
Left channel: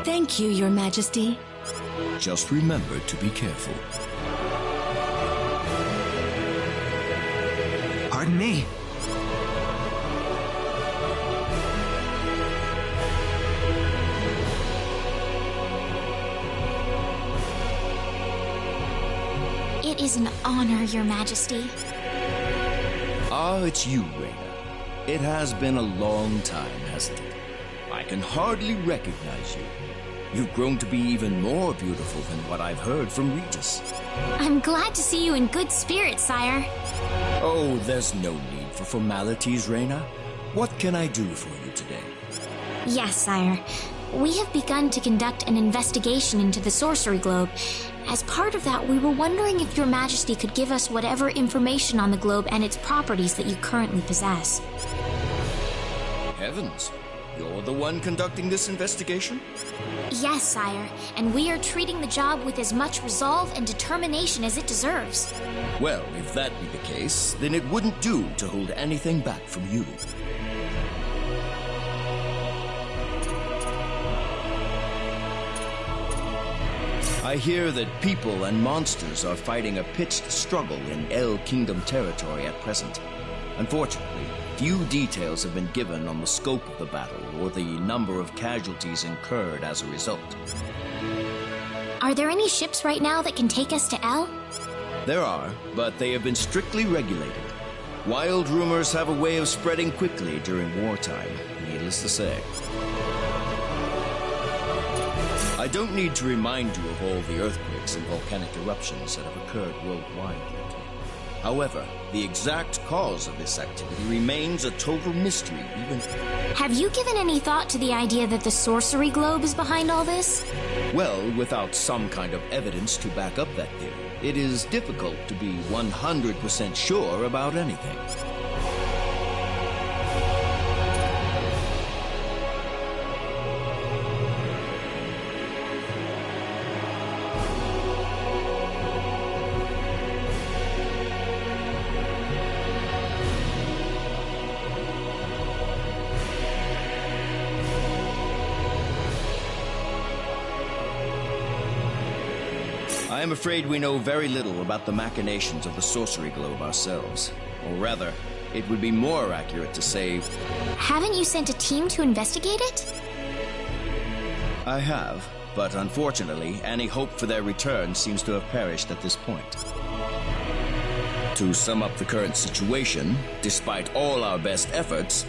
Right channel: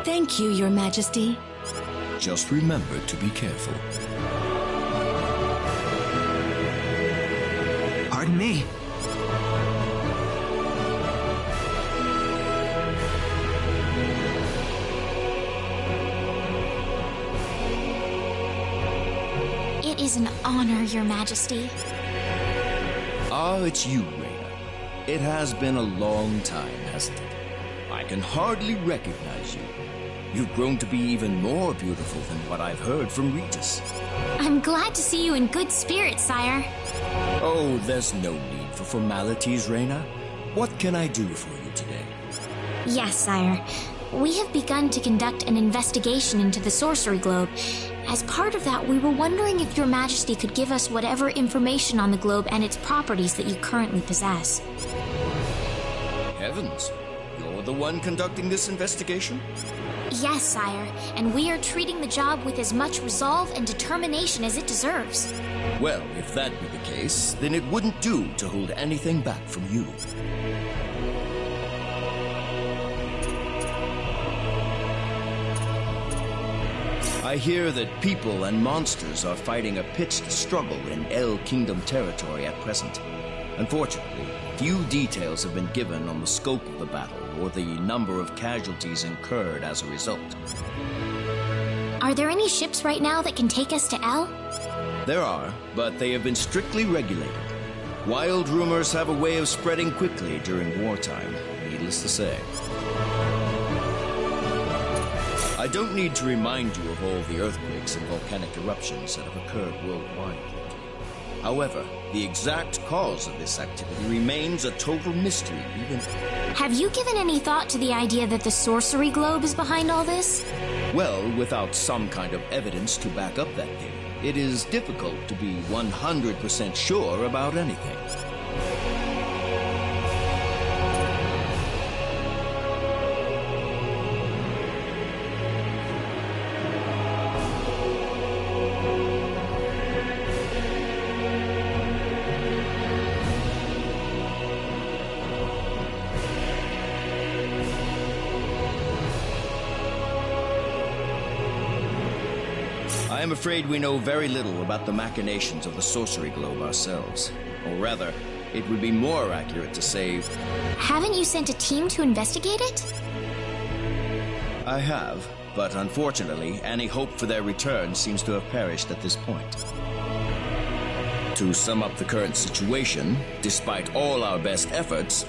Thank you, Your Majesty. Just remember to be careful. Pardon me. It is an honor, Your Majesty. Ah, it's you, Raina. It has been a long time, hasn't it? I can hardly recognize you. You've grown to be even more beautiful than what I've heard from Regis. I'm glad to see you in good spirits, sire. Oh, there's no need for formalities, Raina. What can I do for you today? Yes, sire. We have begun to conduct an investigation into the sorcery globe. As part of that, we were wondering if Your Majesty could give us whatever information on the globe and its properties that you currently possess. Heavens, you're the one conducting this investigation? Yes, sire, and we are treating the job with as much resolve and determination as it deserves. Well, if that be the case, then it wouldn't do to hold anything back from you. I hear that people and monsters are fighting a pitched struggle in El Kingdom territory at present. Unfortunately, few details have been given on the scope of the battle or the number of casualties incurred as a result. Are there any ships right now that can take us to El? There are, but they have been strictly regulated. Wild rumors have a way of spreading quickly during wartime, needless to say. I don't need to remind you of all the earthquakes and volcanic eruptions that have occurred worldwide lately. However, the exact cause of this activity remains a total mystery, even... Have you given any thought to the idea that the sorcery globe is behind all this? Well, without some kind of evidence to back up that theory, it is difficult to be 100% sure about anything. I am afraid we know very little about the machinations of the sorcery globe ourselves. Or rather, it would be more accurate to say... Haven't you sent a team to investigate it? I have, but unfortunately, any hope for their return seems to have perished at this point. To sum up the current situation, despite all our best efforts,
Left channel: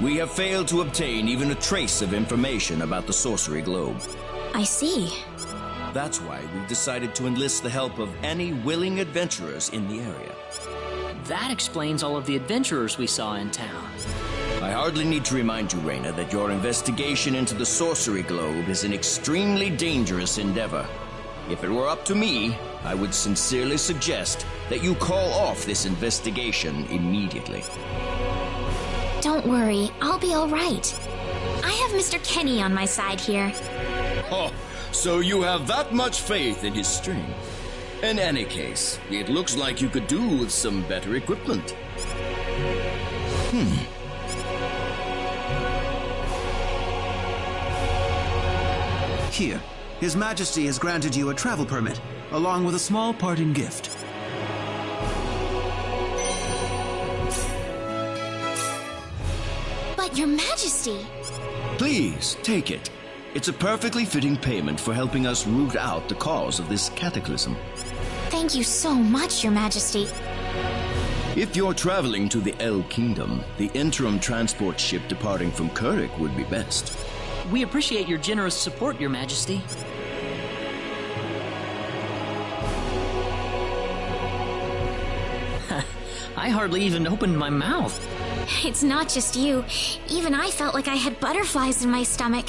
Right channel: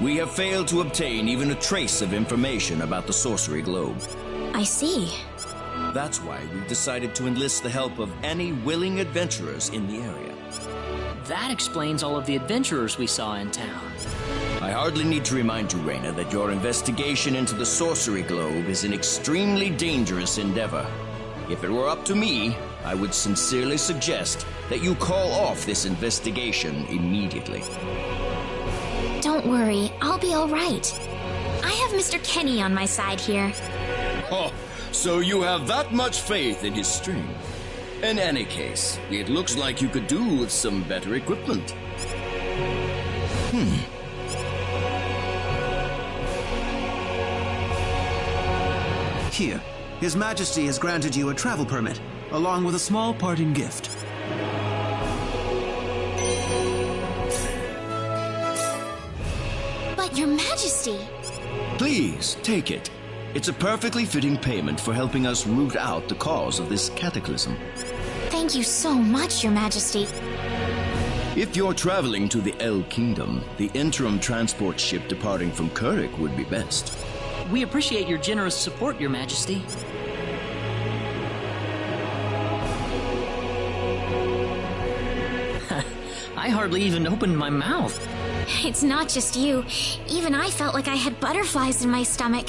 we have failed to obtain even a trace of information about the sorcery globe. I see. That's why we've decided to enlist the help of any willing adventurers in the area. That explains all of the adventurers we saw in town. I hardly need to remind you, Raina, that your investigation into the sorcery globe is an extremely dangerous endeavor. If it were up to me, I would sincerely suggest that you call off this investigation immediately. Don't worry, I'll be all right. I have Mr. Kenny on my side here. Oh, so you have that much faith in his strength. In any case, it looks like you could do with some better equipment. Here, His Majesty has granted you a travel permit, along with a small parting gift. But Your Majesty... Please, take it. It's a perfectly fitting payment for helping us root out the cause of this cataclysm. Thank you so much, Your Majesty. If you're traveling to the El Kingdom, the interim transport ship departing from Kurik would be best. We appreciate your generous support, Your Majesty. I hardly even opened my mouth. It's not just you. Even I felt like I had butterflies in my stomach.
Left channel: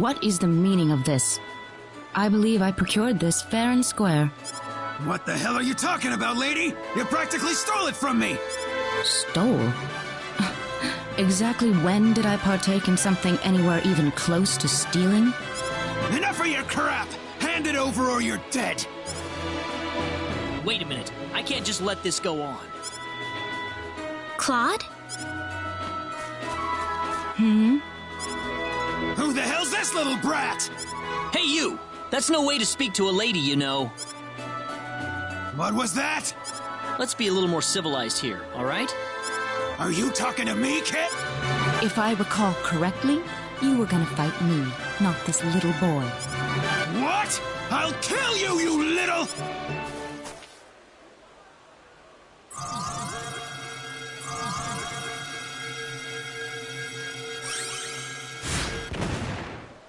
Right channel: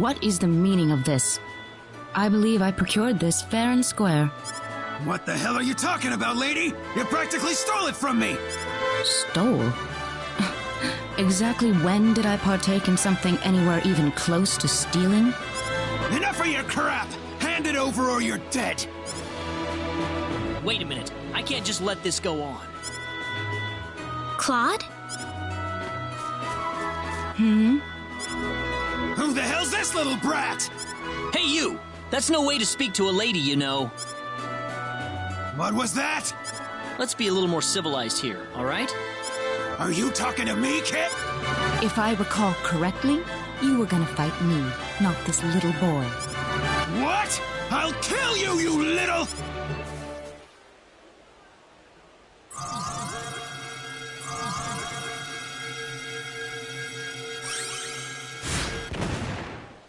What is the meaning of this? I believe I procured this fair and square. What the hell are you talking about, lady? You practically stole it from me! Stole? Exactly when did I partake in something anywhere even close to stealing? Enough of your crap! Hand it over or you're dead! Wait a minute. I can't just let this go on. Claude? Who the hell's this little brat? Hey, you! That's no way to speak to a lady, you know. What was that? Let's be a little more civilized here, all right? Are you talking to me, kid? If I recall correctly, you were gonna fight me, not this little boy. What? I'll kill you, you little...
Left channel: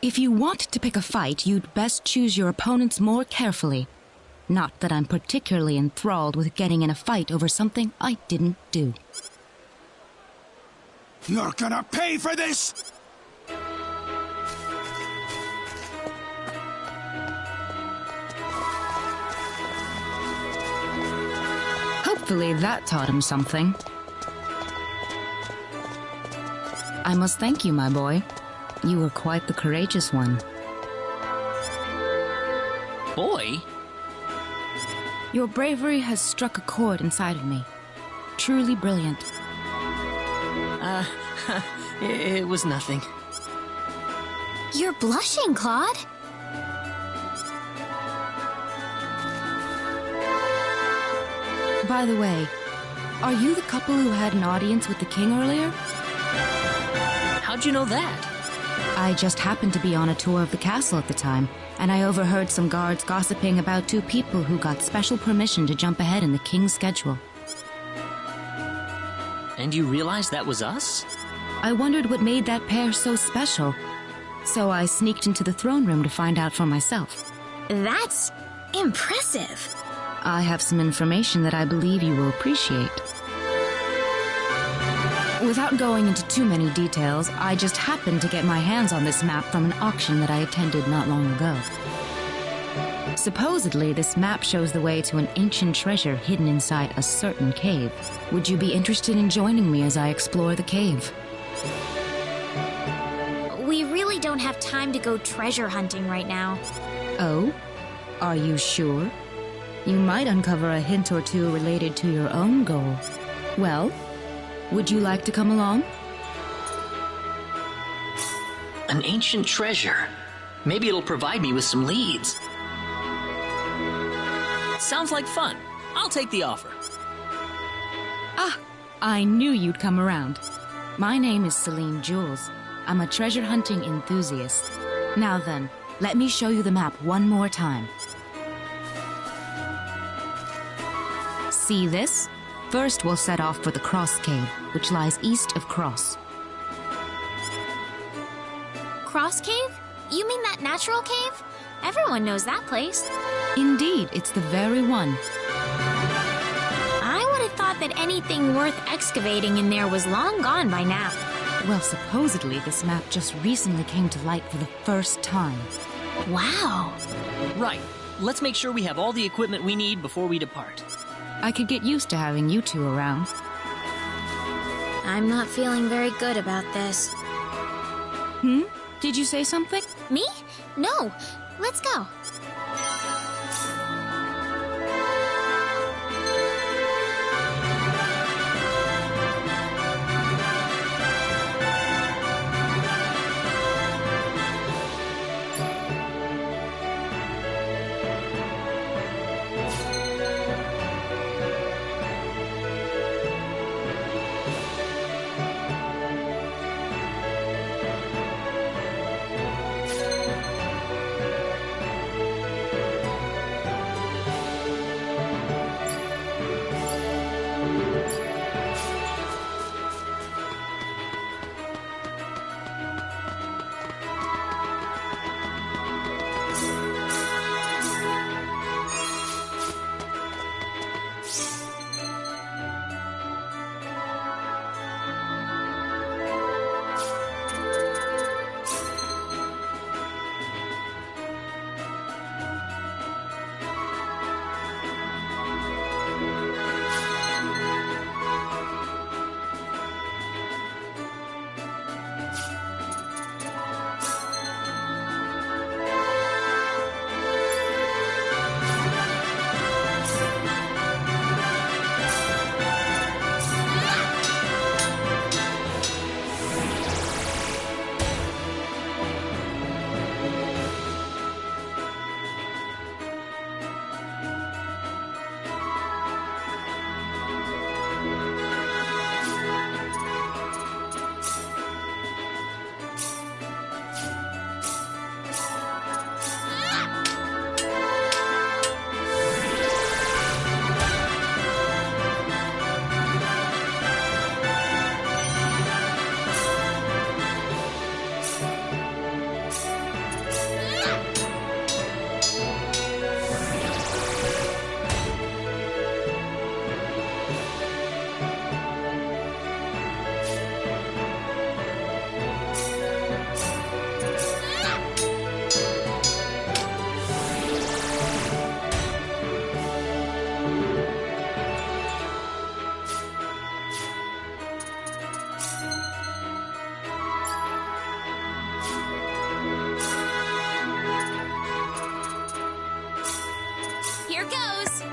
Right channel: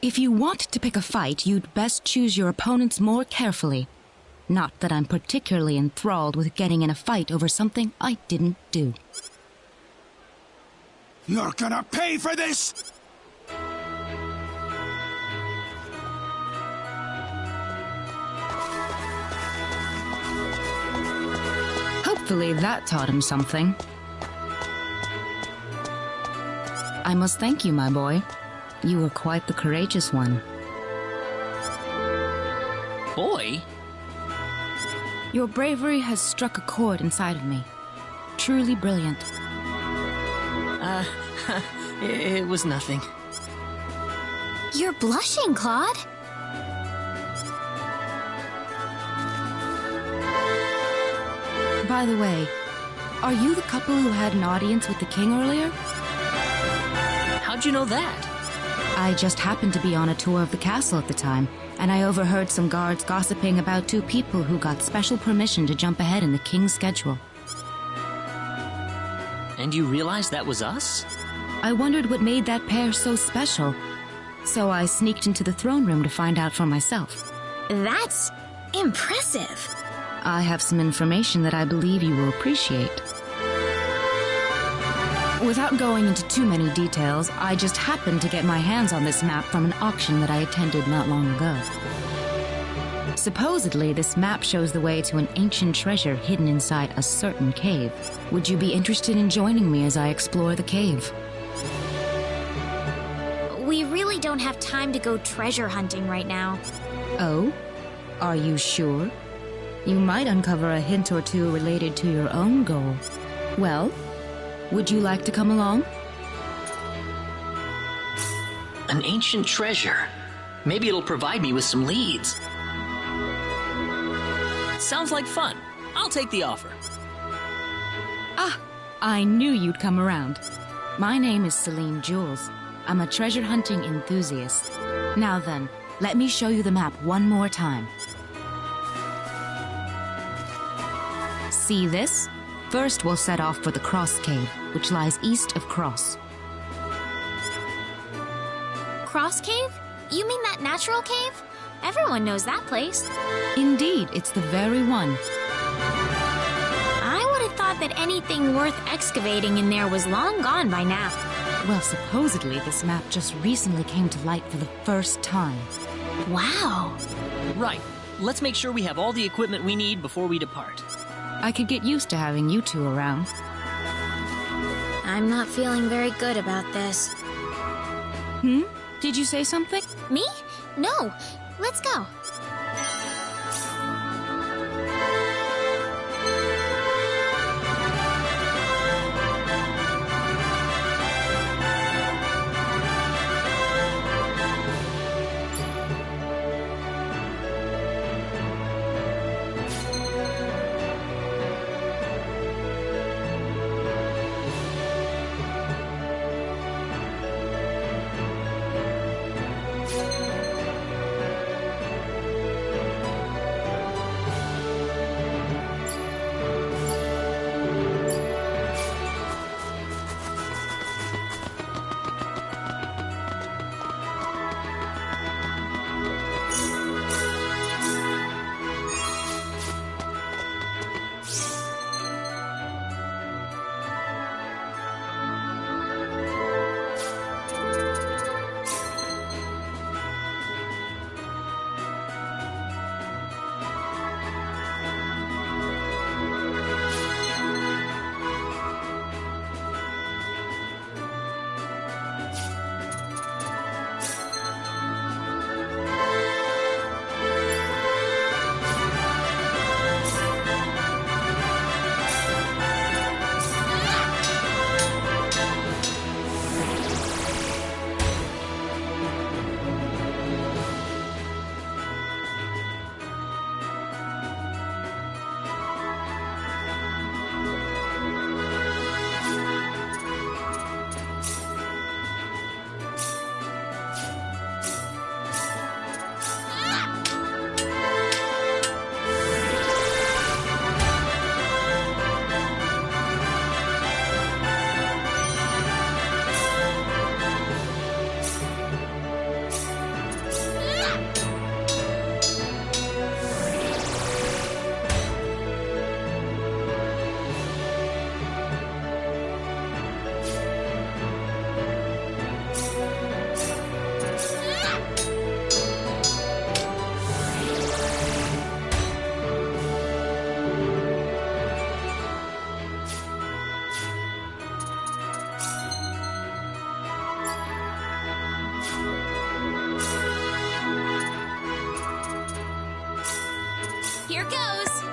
If you want to pick a fight, you'd best choose your opponents more carefully. Not that I'm particularly enthralled with getting in a fight over something I didn't do. You're gonna pay for this! Hopefully that taught him something. I must thank you, my boy. You were quite the courageous one. Boy? Your bravery has struck a chord inside of me. Truly brilliant. It was nothing. You're blushing, Claude. By the way, are you the couple who had an audience with the king earlier? How'd you know that? I just happened to be on a tour of the castle at the time, and I overheard some guards gossiping about two people who got special permission to jump ahead in the king's schedule. And you realized that was us? I wondered what made that pair so special, so I sneaked into the throne room to find out for myself. That's impressive. I have some information that I believe you will appreciate. Without going into too many details, I just happened to get my hands on this map from an auction that I attended not long ago. Supposedly, this map shows the way to an ancient treasure hidden inside a certain cave. Would you be interested in joining me as I explore the cave? We really don't have time to go treasure hunting right now. Oh? Are you sure? You might uncover a hint or two related to your own goal. Well, would you like to come along? An ancient treasure. Maybe it'll provide me with some leads. Sounds like fun. I'll take the offer. Ah, I knew you'd come around. My name is Celine Jules. I'm a treasure hunting enthusiast. Now then, let me show you the map one more time. See this? First, we'll set off for the Cross Cave, which lies east of Cross. Cross Cave? You mean that natural cave? Everyone knows that place. Indeed, it's the very one. I would have thought that anything worth excavating in there was long gone by now. Well, supposedly this map just recently came to light for the first time. Wow. Right. Let's make sure we have all the equipment we need before we depart. I could get used to having you two around. I'm not feeling very good about this. Did you say something? Me? No. Let's go. Here goes!